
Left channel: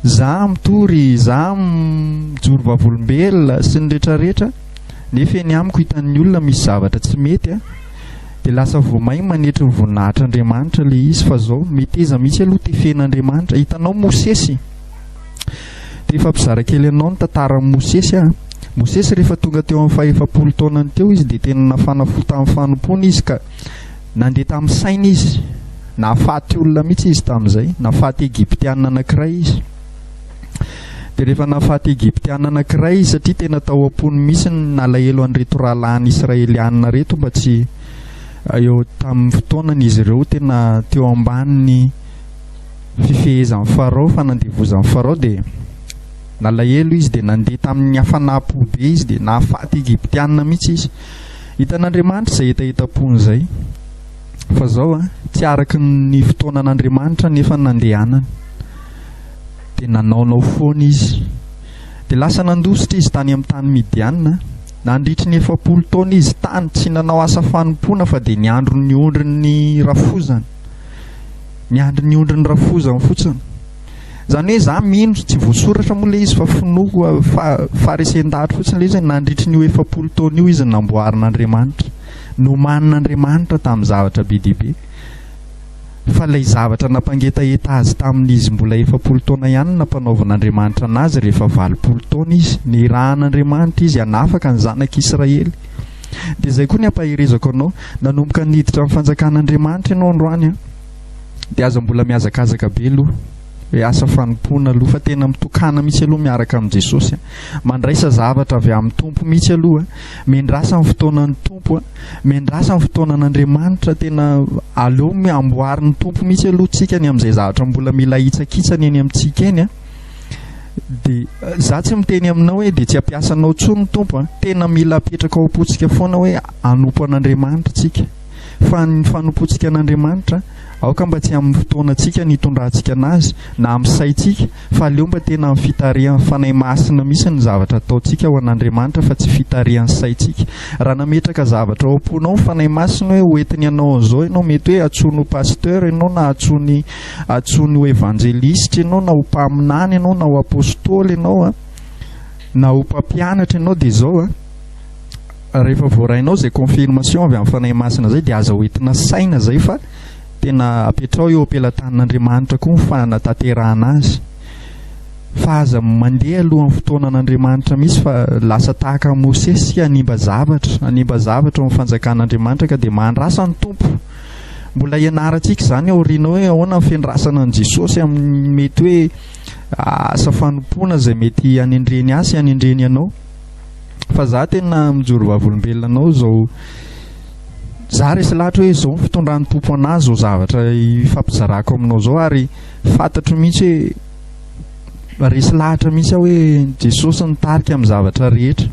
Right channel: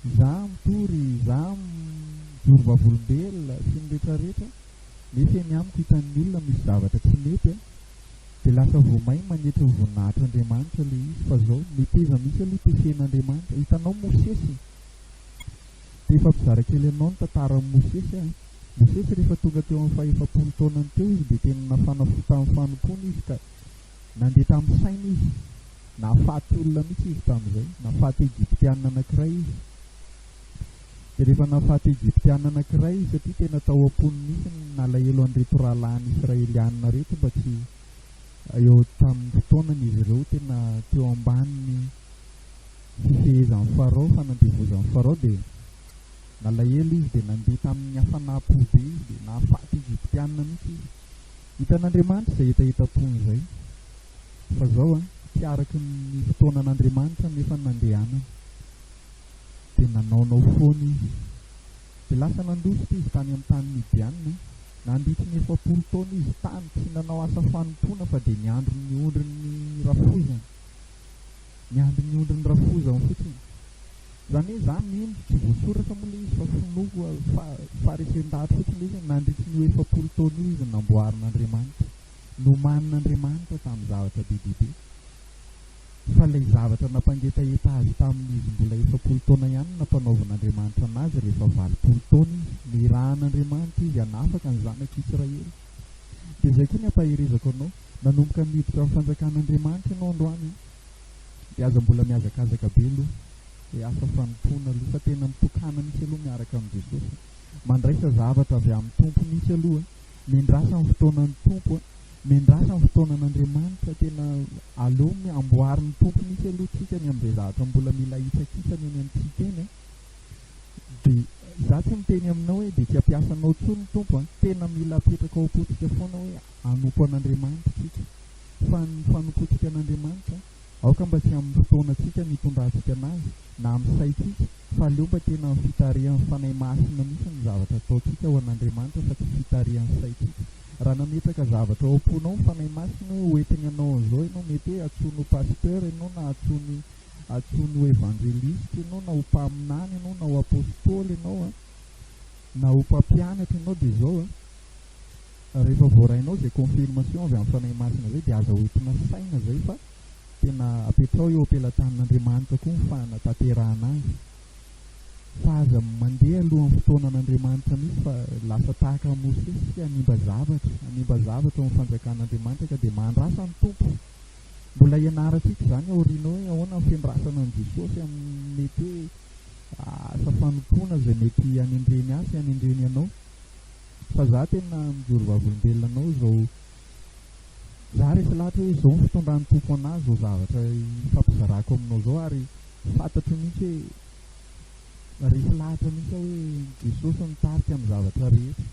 za mitory, za mijoro vavolombelona sy ny rehetrarehetra, nefa eny amiko hitan'ny olona misy zavatra tsy mety dia lasa voamay manetry ny voninahitr'Andriamanitra le izy. Fa zao meteza mihitsy aloha tefen'Andriamanitra. Hitanao Mosesy, Dia fampizara kely anao ny tantaran'i Mosesy a. Mosesy rehefa tonga teo amin'ny faha-efapolo taonany teo izy dia tena nafana tamin'ny fanompona izy ka nandeha tamin'ny saina izy. Nahafaty olona mihitsy izy tamin'izay, nahafaty Egyptiana anankiray izy. Dia rehefa nahafaty Egyptiana anankiray izy satria tena tao am-pony mihitsy ny nalahelo an'ireto rahalahy Israeliana reto mba tsy eo tamin'ny fotoanan'izy ireo tena teo ambanin'ny fifehezan'ny Farao, fanandevozan'ny Farao. Dia nalahelo izy dia nandeha tamin'ny hafanam-po be izy dia nahafaty Egyptiana mihitsy izy. Hitan'Andriamanitra izay hetaheta-pony izay. Fa zao tsy araky ny fotoanan'Andriamanitra nefa nandehanany. Dia nanaonao foana izy. Dia lasa nandositra izy tany amin'ny tany Midianina. Nandritry ny 70 taona izy tany tsy nanao asa fanompoana fa dia niandro ny ondrin'ny rafozany. Niandro ny ondrin'ny rafozany fotsiny. Zany hoe za mino tsy voasoratra moa le izy fa finoako farisen-dahatra fotsiny le izy nandritry ny 70 taona io izy namboarin'Andriamanitra. Nomanin'Andriamanitra tamin'ny zavatra be dia be. Fa ilay zavatra nampangetaeta azy tamin'izy mbola 70 taona ihany nampanaovan'Andriamanitra anazy rehefa 80 taona izy. Nirahan'Andriamanitra izy hanafaka ny zanak'Israely. Dia izay koa ny ampaherezako anao, nanomboka niditra amin'ny fanjakan'Andriamanitra ianao androany a. Dia aza mbola miazakazaka be aloha. Hoe asa fanompoana aloha fa tena mitokana mihitsy aloha miaraka amin'ny Jesosy. Mandraisa zavatra avy amin'ny Tompo mihitsy aloha. Mendrasa amin'ny fotoanan'ny Tompo, mendrasa amin'ny fotoanan'Andriamanitra. Tena aleo amboarin'ny Tompo mihitsy aloha tsika ny amin'izay zavatra mbola mila hitsakitsany eny amintsika eny a. Dia za tsy miteny aminao hoe dia tsy ampiasanao intsony ny Tompo. Tena mila apetraka ao am-potsika foana hoe hanompo an'Andriamanitra tsika. Fa ny fanompontsika an'Andriamanitra aoka mba tsy amin'ny fotoanantsika nitondrantsika anazy na amin'ny saintsika, fa aleo mba tena amin'ny fitarihan'ny fanahy masina mihitsy ny zavatra ataontsika ho an'Andriamanitra fa tsy fitarihan'ny saintsika. Raha nametraka zavatra ao am-ponao fanahy masina hoe hoentiny ianao an'izao ianao, mety hoe atsoiny ho pasteur ianao na atsoiny ho evangelistra ianao na ho mpaminany ianao na ho apôstôly ianao na ho mpampianatra ianao. Dia izao rehefa voarainao izay confirmation avy amin'ny fanahy masina izay dia aza hoentina saina izay fa tena apetrao eo ampelantanin'Andriamanitra koa ny fanatanterahana azy. Fa aza mandeha alohan'ny fotoanan'Andriamanitra misy fa lasa tahaka Mosesy hanimba zavatra ao amin'ny fanjakan'Andriamanitra ka dia mahandrasa ny Tompo. Mbola ianarantsika izany aoriana hoe ahoana ny fiandrasana an' Jesosy amin'ny mety hoe asa fanompoana izay mety hanendreny azy hanendreny ianao. Fa za tena mijoro vavolombelona anao zao. Za resy lahatra hoe izao fitondran'ny Tompo anazy zao zavatra fampizarako aminao zao, ary fantatro mihitsy hoe resy lahatra mihitsy hoe Jesosy nitarika amin'ny zavatra rehetra.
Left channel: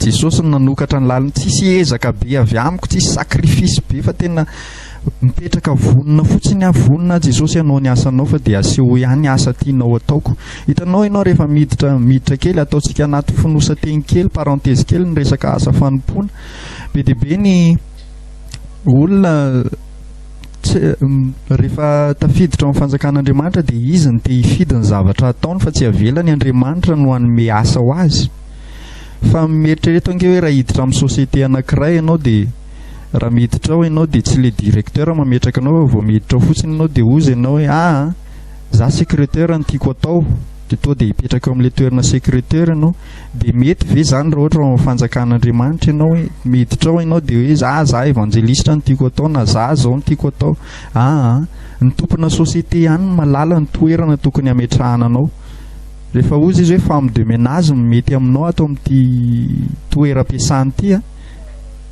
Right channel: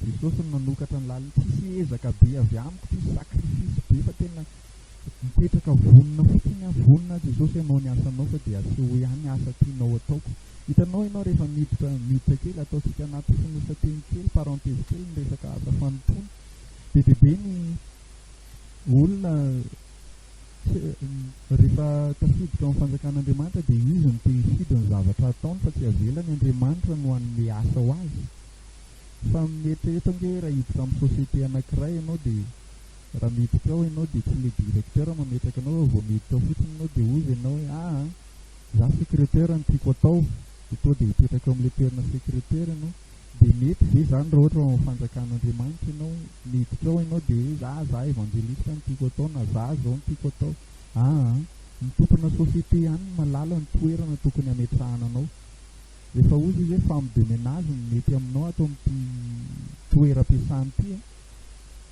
Jesosy nanokatra ny laliny, tsisy ezaka be avy amiko, tsisy sakrifisy be fa tena mipetraka vonona fotsiny vonona Jesosy hanao ny asanao fa dia aseho ihany asa tianao ataoko. Hitanao ianao rehefa miditra kely ataontsika anaty fonosateny kely, parenthèse kely ny resaka asa fanompoana. Be dia be ny olona rehefa tafiditra amin'ny fanjakan'Andriamanitra dia izy ny te hifidy ny zavatra ataony fa tsy avelany Andriamanitra no hanome asa ho azy. Fa mieritrereta ange hoe raha hiditra amin'ny sosiete anankiray ianao dia raha miditra ao ianao dia tsy le directeur mametraka anao, vao miditra ao fotsiny ianao dia ozy ianao hoe za secrétaire no tiako atao, dia to dia hipetraka amin'ilay toerana secrétaire ianao. Dia mety ve zany raha ohatra ao fanjakan'Andriamanitra ianao hoe miditra ao ianao dia hoe za evangelistra no tiako atao na za zao no tiako atao. Ny tompona sosiete ihany malala ny toerana tokony hametrahana anao. Rehefa ozy izy hoe femme de ménage mety aminao ato amin'ity toeram-piasany ity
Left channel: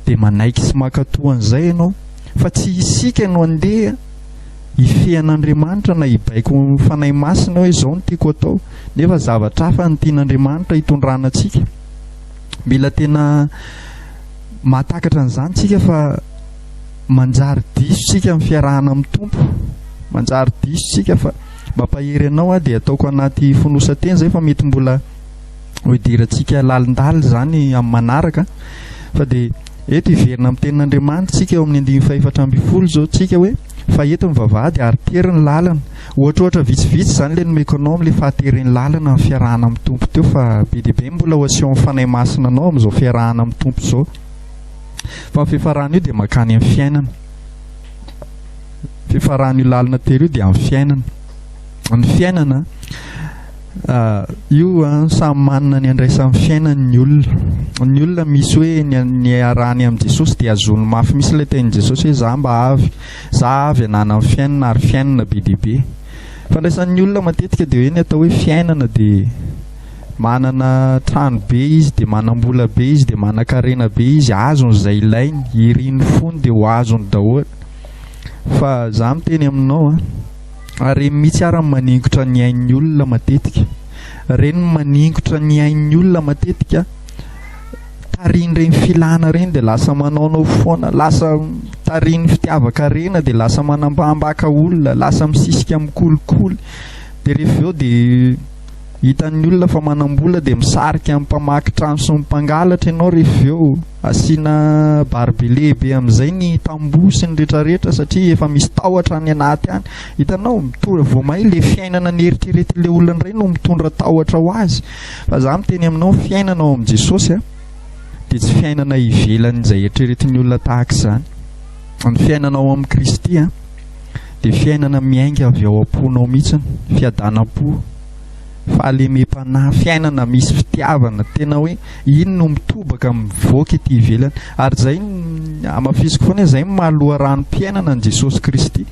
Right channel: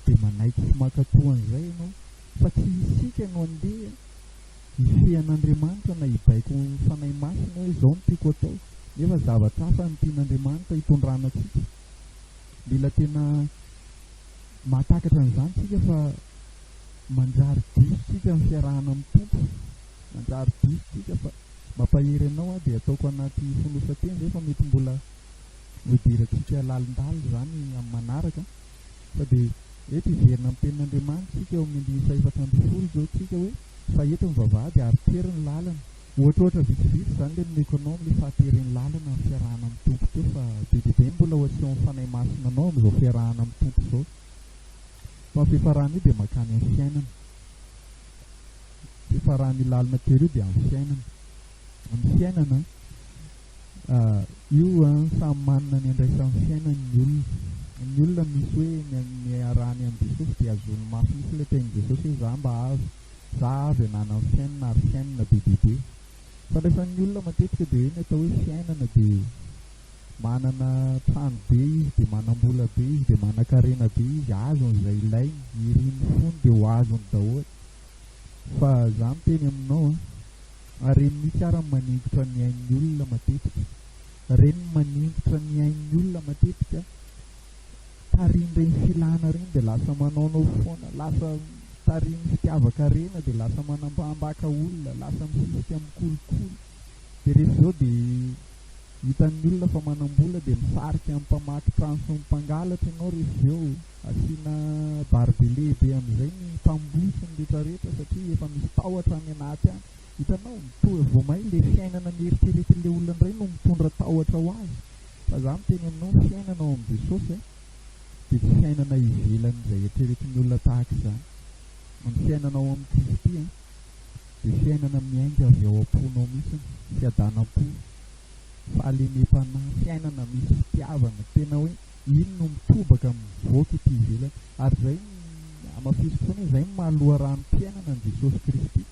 dia manaiky sy makatoan'izay ianao. Fa tsy isika ianao andeha ifehan'Andriamanitra na hibaiko fanahy masina hoe izao no tiako atao, nefa zavatra hafa ny tian'Andriamanitra hitondrana antsika. Mila tena mahatakatra an'izany tsika fa manjary diso tsika amin'ny fiarahana amin'ny Tompo, manjary diso tsika fa mampahery anao dia ataoko anaty fonosateny izay fa mety mbola hoidirantsika lalindala zany amin'ny manaraka. Fa dia eto hiverina amin'ny tenin'Andriamanitra tsika eo amin'ny 412 zao tsika hoe fa eto mivavahady ary tery ny lalana. Ohatrohatra vitsivitsy zany le nomeko anao amin'ilay fahateren'ny lalana amin'ny fiarahana amin'ny Tompo teo, fa be dia be mbola ho aseho amin'ny fanahy masina anao amin'izao fiarahana amin'ny Tompo izao. Fa ny fifarahana io dia makany amin'ny fiainana. Fifarahana io lalana tery io dia amin'ny fiainana. Ny fiainana io samy manana ny andraisan'ny fiainany ny olona misy hoe ny arany amin'i Jesosy dia azony mafy misy ilay tenin'i Jesosy hoe za avy anana amin'ny fiainana ary fiainana be dia be. Fandraisan'ny olona matetika dia hoe ny atao hoe fiainana dia manana trano be izy, dia manam-bola be izy, dia manan-karena be izy, azony izay ilainy, iriny fony dia ho azony daholo. Fa za miteny aminao ary mihitsy ary maningotra ny ain'ny olona matetika. Reny maningotra ny ain'ny olona matetika, tariny reny filana reny dia lasa manaonao foana, lasa tariny fitiavaka rena dia lasa manambambaka olona, lasa misisika mikolikoly. Dia rehefa eo dia hitan'ny olona fa manam-bola dia misarika amin'ny mpamaky trano sy mpangalatra ianao. Rehefa eo asiana baribe lehibe amin'izay ny tamboho sy ny rehetrarehetra satria efa misy tahotra ny anaty any. Hitanao vao may le fiainana ny eritreretin'ilay olona iray no mitondra tahotra ho azy. Fa za miteny aminao fiainanao amin'i Jesosy dia tsy fiainana ivelan'izay eritreretin'ny olona tahaka izany. Ny fiainanao amin'ny Kristy dia fiainana miainga avy ao am-ponao mihitsy, fiadanam-po, fahalemem-panahy, fiainana misy fitiavana, tena hoe iny no mitobaka mivoaka ety ivelany. Ary zay amafisiko foana zay mahaloha ranom-piainana ny Jesosy Kristy.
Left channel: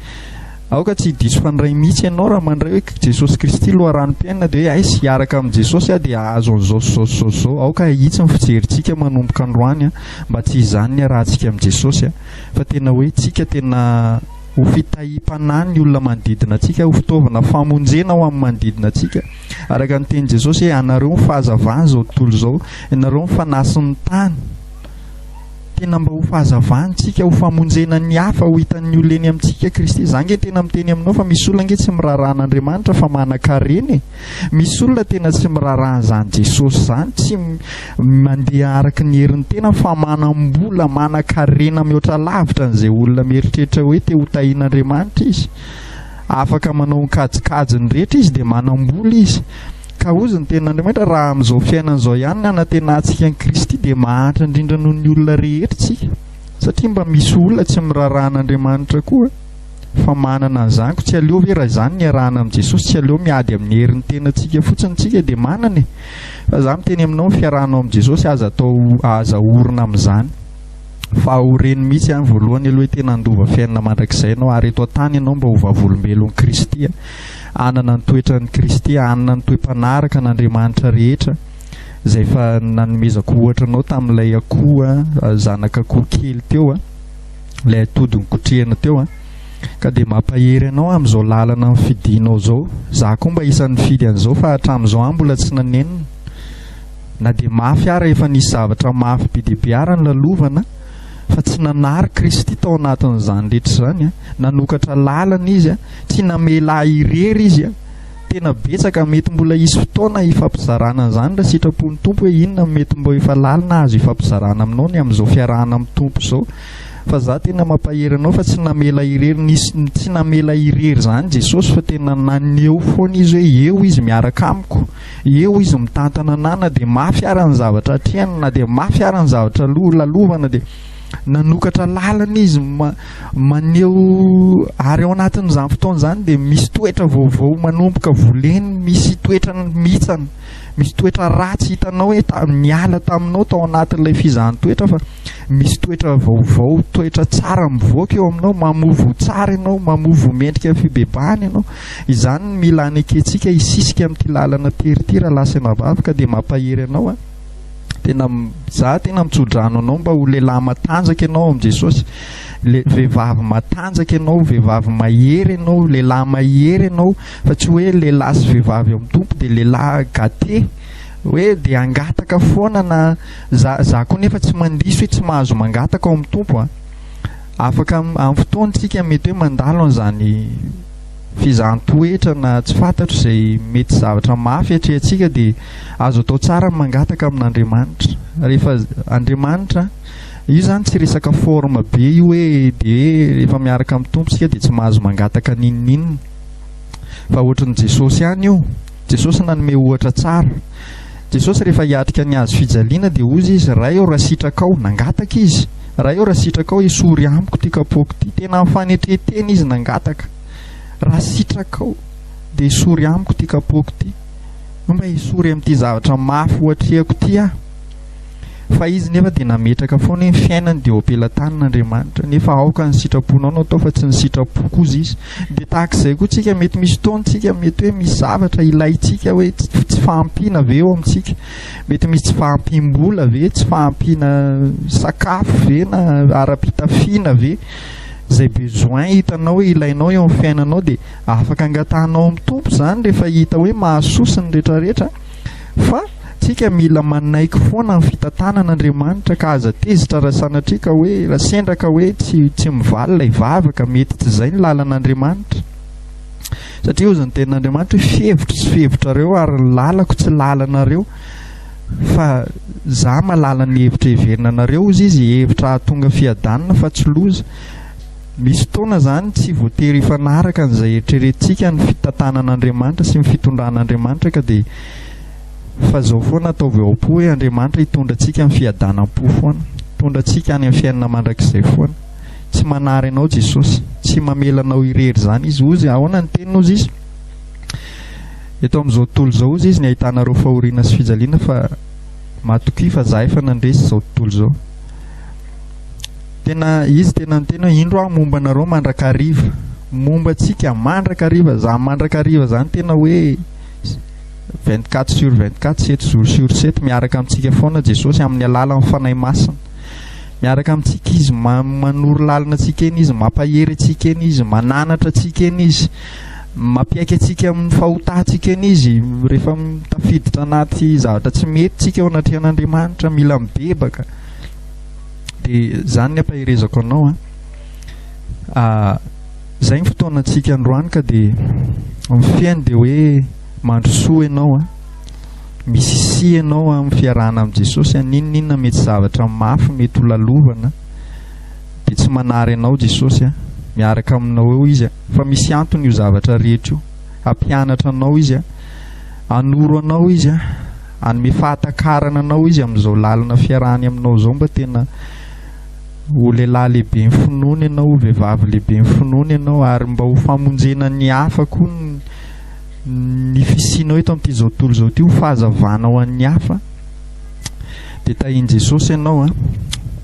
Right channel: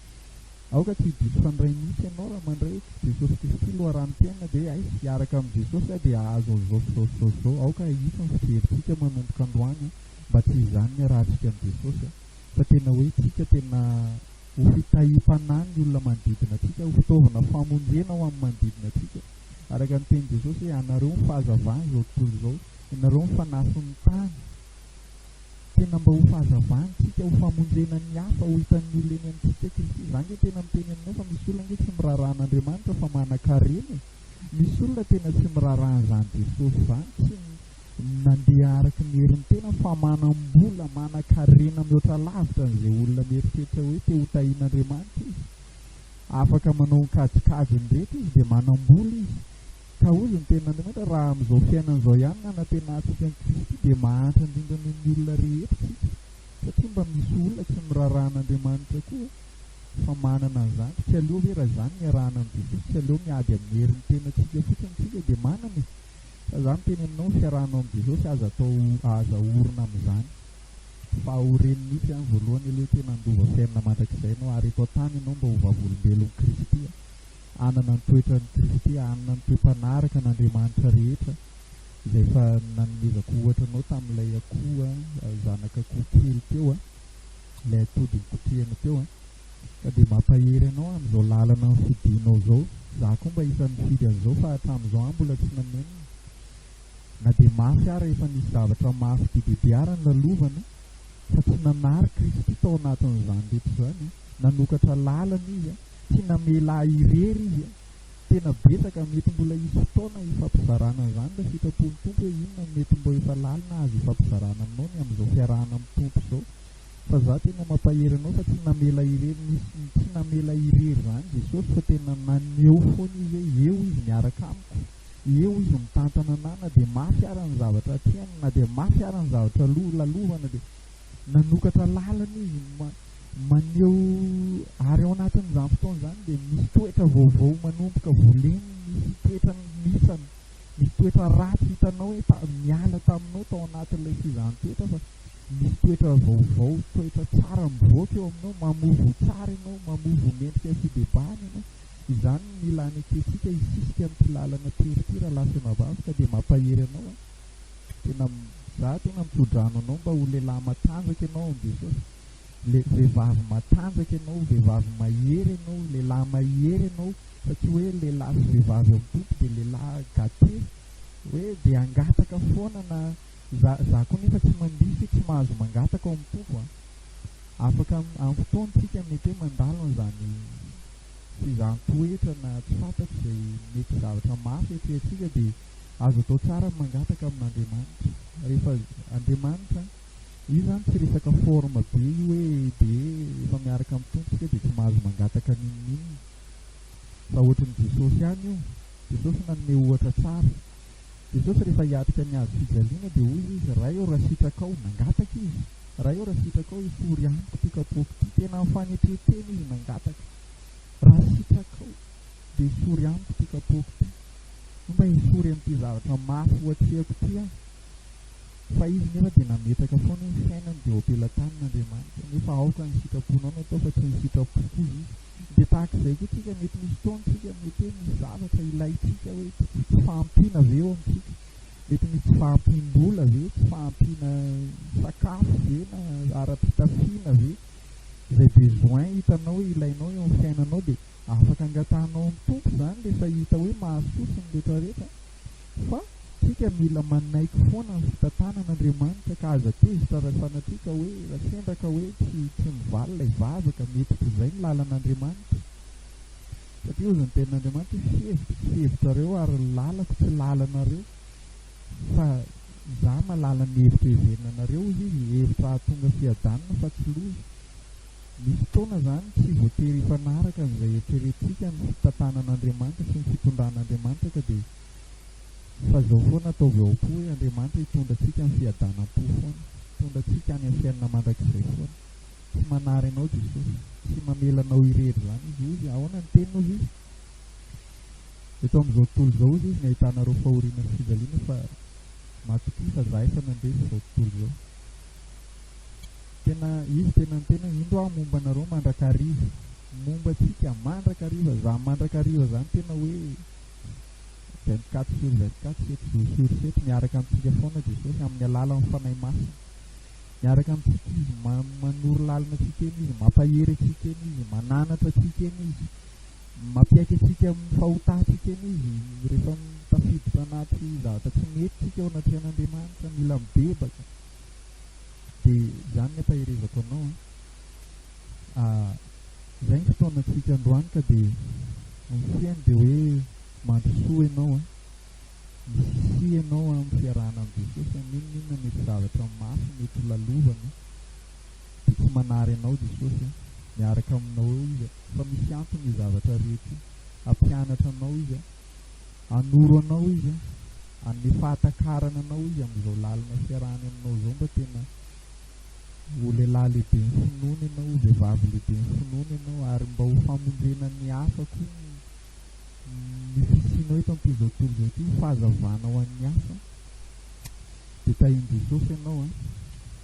Aoka tsy diso fandray mihitsy ianao raha mandray hoe Jesosy Kristy loha ranom-piainana dia hoe sy hiaraka amin'ny Jesosy dia azo an'izao. Aoka itsy ny fijerintsika manomboka androany mba tsy izany ny arahantsika amin'ny Jesosy fa tena hoe tsika tena ho fitahim-panahy ny olona manodidina antsika, ho fitaovana famonjena ho amin'ny manodidina antsika. Araka ny teny Jesosy hoe anareo fahazavana izao tontolo izao, ianareo fanasin'ny tany. Tena mba ho fahazavantsika, ho famonjena ny hafa, ho hitan'ny olona eny amintsika Kristy. Za nge tena miteny aminao fa misy olona nge tsy miraran'Andriamanitra fa manan-karena. Misy olona tena tsy miraran'izany Jesosy izany, tsy mandeha araka ny herin'ny tena fa manam-bola, manan-karena mihoatra lavitra n'izay olona mieritreritra hoe te ho tahian'Andriamanitra izy. Afaka manao ny kajikajiny rehetra izy dia manam-bola izy. Ka ozy ny ten'Andriamanitra raha amin'izao fiainan'izao ihany ny anatenantsika ny Kristy dia mahantra indrindra noho ny olona rehetra tsika. Satria mba misy olona tsy miraran'Andriamanitra koa fa manana an'izany. Tsy aleo ve raha izany ny arahana amin'i Jesosy, tsy aleo miady amin'ny herin'ny tenantsika fotsiny tsika dia manana. Fa za miteny aminao fiarahanao amin'i Jesosy aza orina amin'izany. Fa horeny mihitsy voalohany aloha tena andova fiainana mandrakizay ianao ary eto an-tany ianao mba ho vavolombelon'ny Kristy, anana ny toetran'ny Kristy, anana ny toe-panaraka n'Andriamanitra rehetra izay fa nanomezako ohatra anao tamin'ilay akoho, zanaka akoho kely teo, ilay atodiny kotrehana teo ka dia mampahery anao amin'izao lalana ny fidianao izao. Za koa mba isan'ny fidy an'izao fa hatramin'izao mbola tsy nanenina. Na dia mafy ary efa nisy zavatra mafy be dia be ary ny lalovana fa tsy nanary Kristy tao anatin'izany rehetra izany. Nanokatra lalana izy, tsy namela irery izy. Tena betsaka mety mbola isy fotoana ifampizarana an'izany raha sitrapon'ny Tompo hoe inona mety mba efa lalina azo ifampizarana aminao ny amin'izao fiarahana amin'ny Tompo izao. Fa za tena mampahery anao fa tsy namela irery, tsy namela irery izany Jesosy fa tena naneho foana izy hoe eo izy miaraka amiko, eo izy mitantana anana dia mafy ary ny zavatra hatrehany, na dia mafy ary ny zavatra lalovana dia nanokatra lalana izy maneho. Ary ao anatin'izany fotoana izany dia misy toetra vaovao manomboka voleny, misy toetra mitsana, misy toetra ratsy hitanao hoe niala taminao tao anatin'ilay fizahany toetra, fa misy toetra vaovao, toetra tsara mivoaka eo aminao, mamovo tsara ianao, mamovo mendrika fibebahana ianao. Izany mila aneketsika hisisika amin'ity lalana teritira lasa mabavaka dia mampahery anao za tena mitsodrano anao mba ho lehilahy matanjaka ianao amin'i Jesosy, vehivavy matanjaka ianao, vehivavy mahery ianao, lehilahy mahery ianao, fa tsy hoe lehilahy sy vehivavy amin'ny Tompo dia lehilahy gate hoe dia angataka foana. Na za koa nefa tsy mandiso hoe tsy mahazo mangataka ao amin'ny Tompo. Afaka amin'ny fotoantsika mety hoe mandalo an'izany fizahantooetra na tsy fantatro izay mety zavatra mafy atrehantsika dia azo atao tsara mangataka amin'Andriamanitra. Rehefa Andriamanitra io zany tsy resaka forme be io hoe dia rehefa miaraka amin'ny Tompo sika dia tsy mahazo mangataka ninninina, fa ohatran'i Jesosy ihany io. Jesosy nanome ohatra tsara. Jesosy rehefa hiatrika ny azo fijaliana dia ozy izy raha eo raha sitraka ao nangataka izy, raha eo raha sitraka ao esory amiko ty kapoaka ty, tena amin'ny fanetretena izy nangataka. Raha sitraka ao dia esory amiko ty kapoaka ty. mba hisory amin'ity zavatra mafy ohatrehako ty aho. Fa izy nefa dia nametraka foana ny fiainany dia opelantanan'Andriamanitra. Nefa aoka ny sitraponao no atao fa tsy ny sitrapo koza izy. Dia tahak'izay koa tsika mety misy fotoantsika mety hoe misy zavatra ilayntsika hoe tsy fahampiana ve eo amintsika. Mety misy tsy fahampiam-bola ve, tsy fahampiana sakafo ve na ara-pitafiana ve. Zay besoin hitanao hoe ilainao eo amin'ny fiainanao dia afaka angatanao amin'ny tompo izany rehefa hita hoe mahasosa ny rehetrarehetra. Fa tsika mila manaiky foana ny fitantanan'Andriamanitra ka aza tezitra raha sanatria ka hoe raha sendra ka hoe tsy mivaly ilay vavaka, mety tsy izay ny lalan'Andriamanitra. Satria hoy ny tenin'Andriamanitra hoe fihevitra sy fihevitrareo ary ny lalako tsy lalanareo fa za malala ny hevitra heverinanareo izy hevitra hahatonga fiadanana fa tsy loza. Misy fotoana zany tsy voatery hifanaraka an'izay eritreretintsika ny fitantanan'Andriamanitra sy ny fitondran'Andriamanitra ka dia fa zao foana ataovy ao po hoe Andriamanitra hitondra antsika amin'ny fiadanam-po foana, hitondra antsika any amin'ny fiainana mandrakizay foana. Tsy manary anao Jesosy, tsy mamelanao irery zany izy. Ozy ahoana ny teninao izy? Eto amin'izao tontolo izao izy ny ahitanareo fahoriana sy fijaliana fa matoki fa za efa nandresy izao tontolo izao. Tena izy tena ny indro aho momba anareo mandrakariva, momba antsika mandrakariva. Za mandrakariva zany tena hoe 24/24, 7 jours sur 7 miaraka amintsika foana Jesosy amin'ny alalan'ny fanahy masina. Miaraka amintsika izy manoro lalina antsika eny izy, mampahery antsika eny izy, mananatra antsika eny izy, mampiaiky antsika amin'ny fahotantsika eny izy. Rehefa tafiditra anaty zavatra tsy mety tsika ao anatrehan'Andriamanitra mila mibebaka. Dia zany ny ampaherezako anao zay ny fotoanantsika androany ka dia mifiainy dia hoe mandrosoa ianao misy ianao amin'ny fiarahana amin'i Jesosy. Ninninona mety zavatra mafy mety ho lalovana dia tsy manary ianao Jesosy miaraka aminao eo izy fa misy antony io zavatra rehetra io. Hampianatra anao izy anoro anao izy anome fahatakarana anao izy amin'izao lalana fiarahany aminao zao. Mba tena ho lehilahy lehibe ny finoana ianao, ho vehivavy lehibe ny finoana ianao, ary mba ho famonjena ny hafa koa ny fisianao eto amin'ity zao tontolo zao ty, ho fahazavana ho an'ny hafa. Dia tahiny Jesosy ianao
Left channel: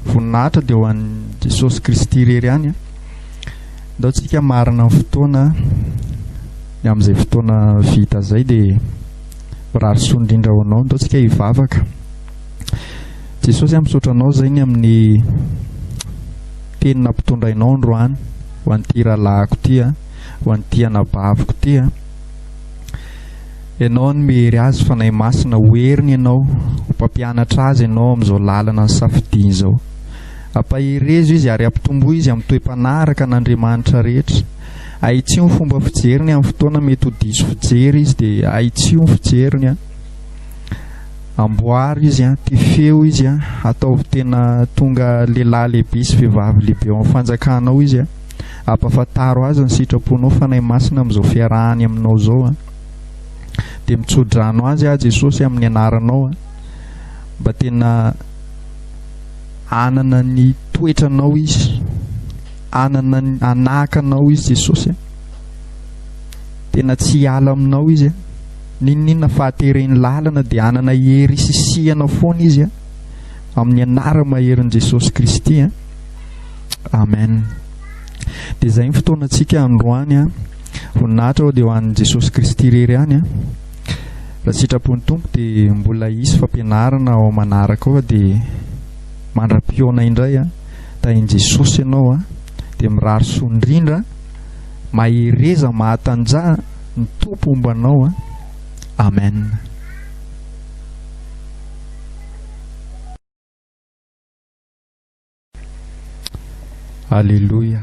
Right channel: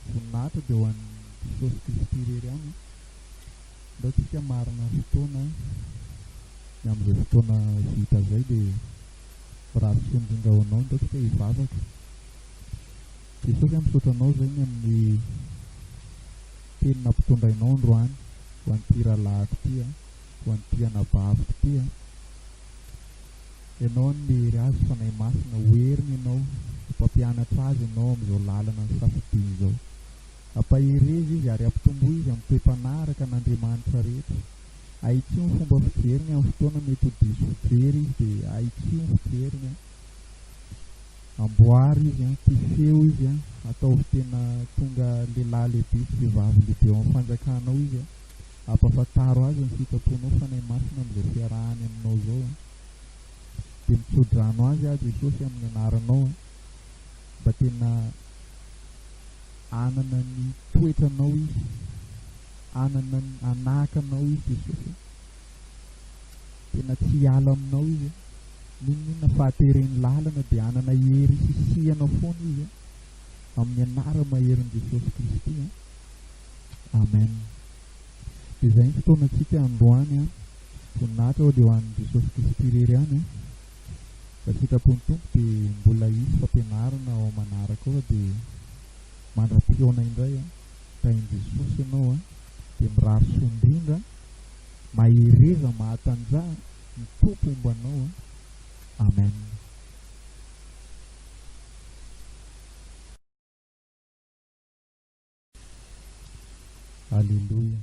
voninahitra dia ho an'i Jesosy Kristy irery ihany ndao tsika marina amin'ny fotoana amin'izay fotoana vita zay dia rarisoa indrindra ho anao ndao tsika hivavaka. Jesosy misaotra anao zay ny amin'ny tenina mpitondrainao androany ho an'ity rahalahiko ty ho an'ity anabaviko ty ianao ny mehery azy fanahy masina, hoeriny ianao, ho mpampianatra azy ianao amin'izao lalana ny safidiany izao. Ampaherezo izy ary ampitombo izy amin'ny toe-panaraka an'Andriamanitra rehetra. Ahitsio ny fomba fijeriny amin'ny fotoana mety ho diso fijery izy dia ahitsio ny fijeriny amboary izy ty feo izy ataovy tena tonga lehilahy lehibe sy vehivavy lehibe ao amin'ny fanjakanao izy ampafantaro azy ny sitraponao fanahy masina amin'izao fiarahany aminao zao dia mitsodrano azy Jesosy amin'ny anaranao mba tena anana ny toetranao izy, anakanao izy Jesosy tena tsy hiala aminao izy ninninona fahatereny lalana dia anana hery sisiana foana izy amin'ny anara maherin'i Jesosy Kristy amen. Dia zay ny fotoanantsika androany voninahitra ao dia ho an'i Jesosy Kristy irery ihany raha sitrapon'ny tompo dia mbola hisy fampianarana ao manaraka ao dia mandra-pioana indray tahiny Jesosy ianao dia mirary soa indrindra mahereza mahatanjaha ny tompo ombanao amen. Alléluia.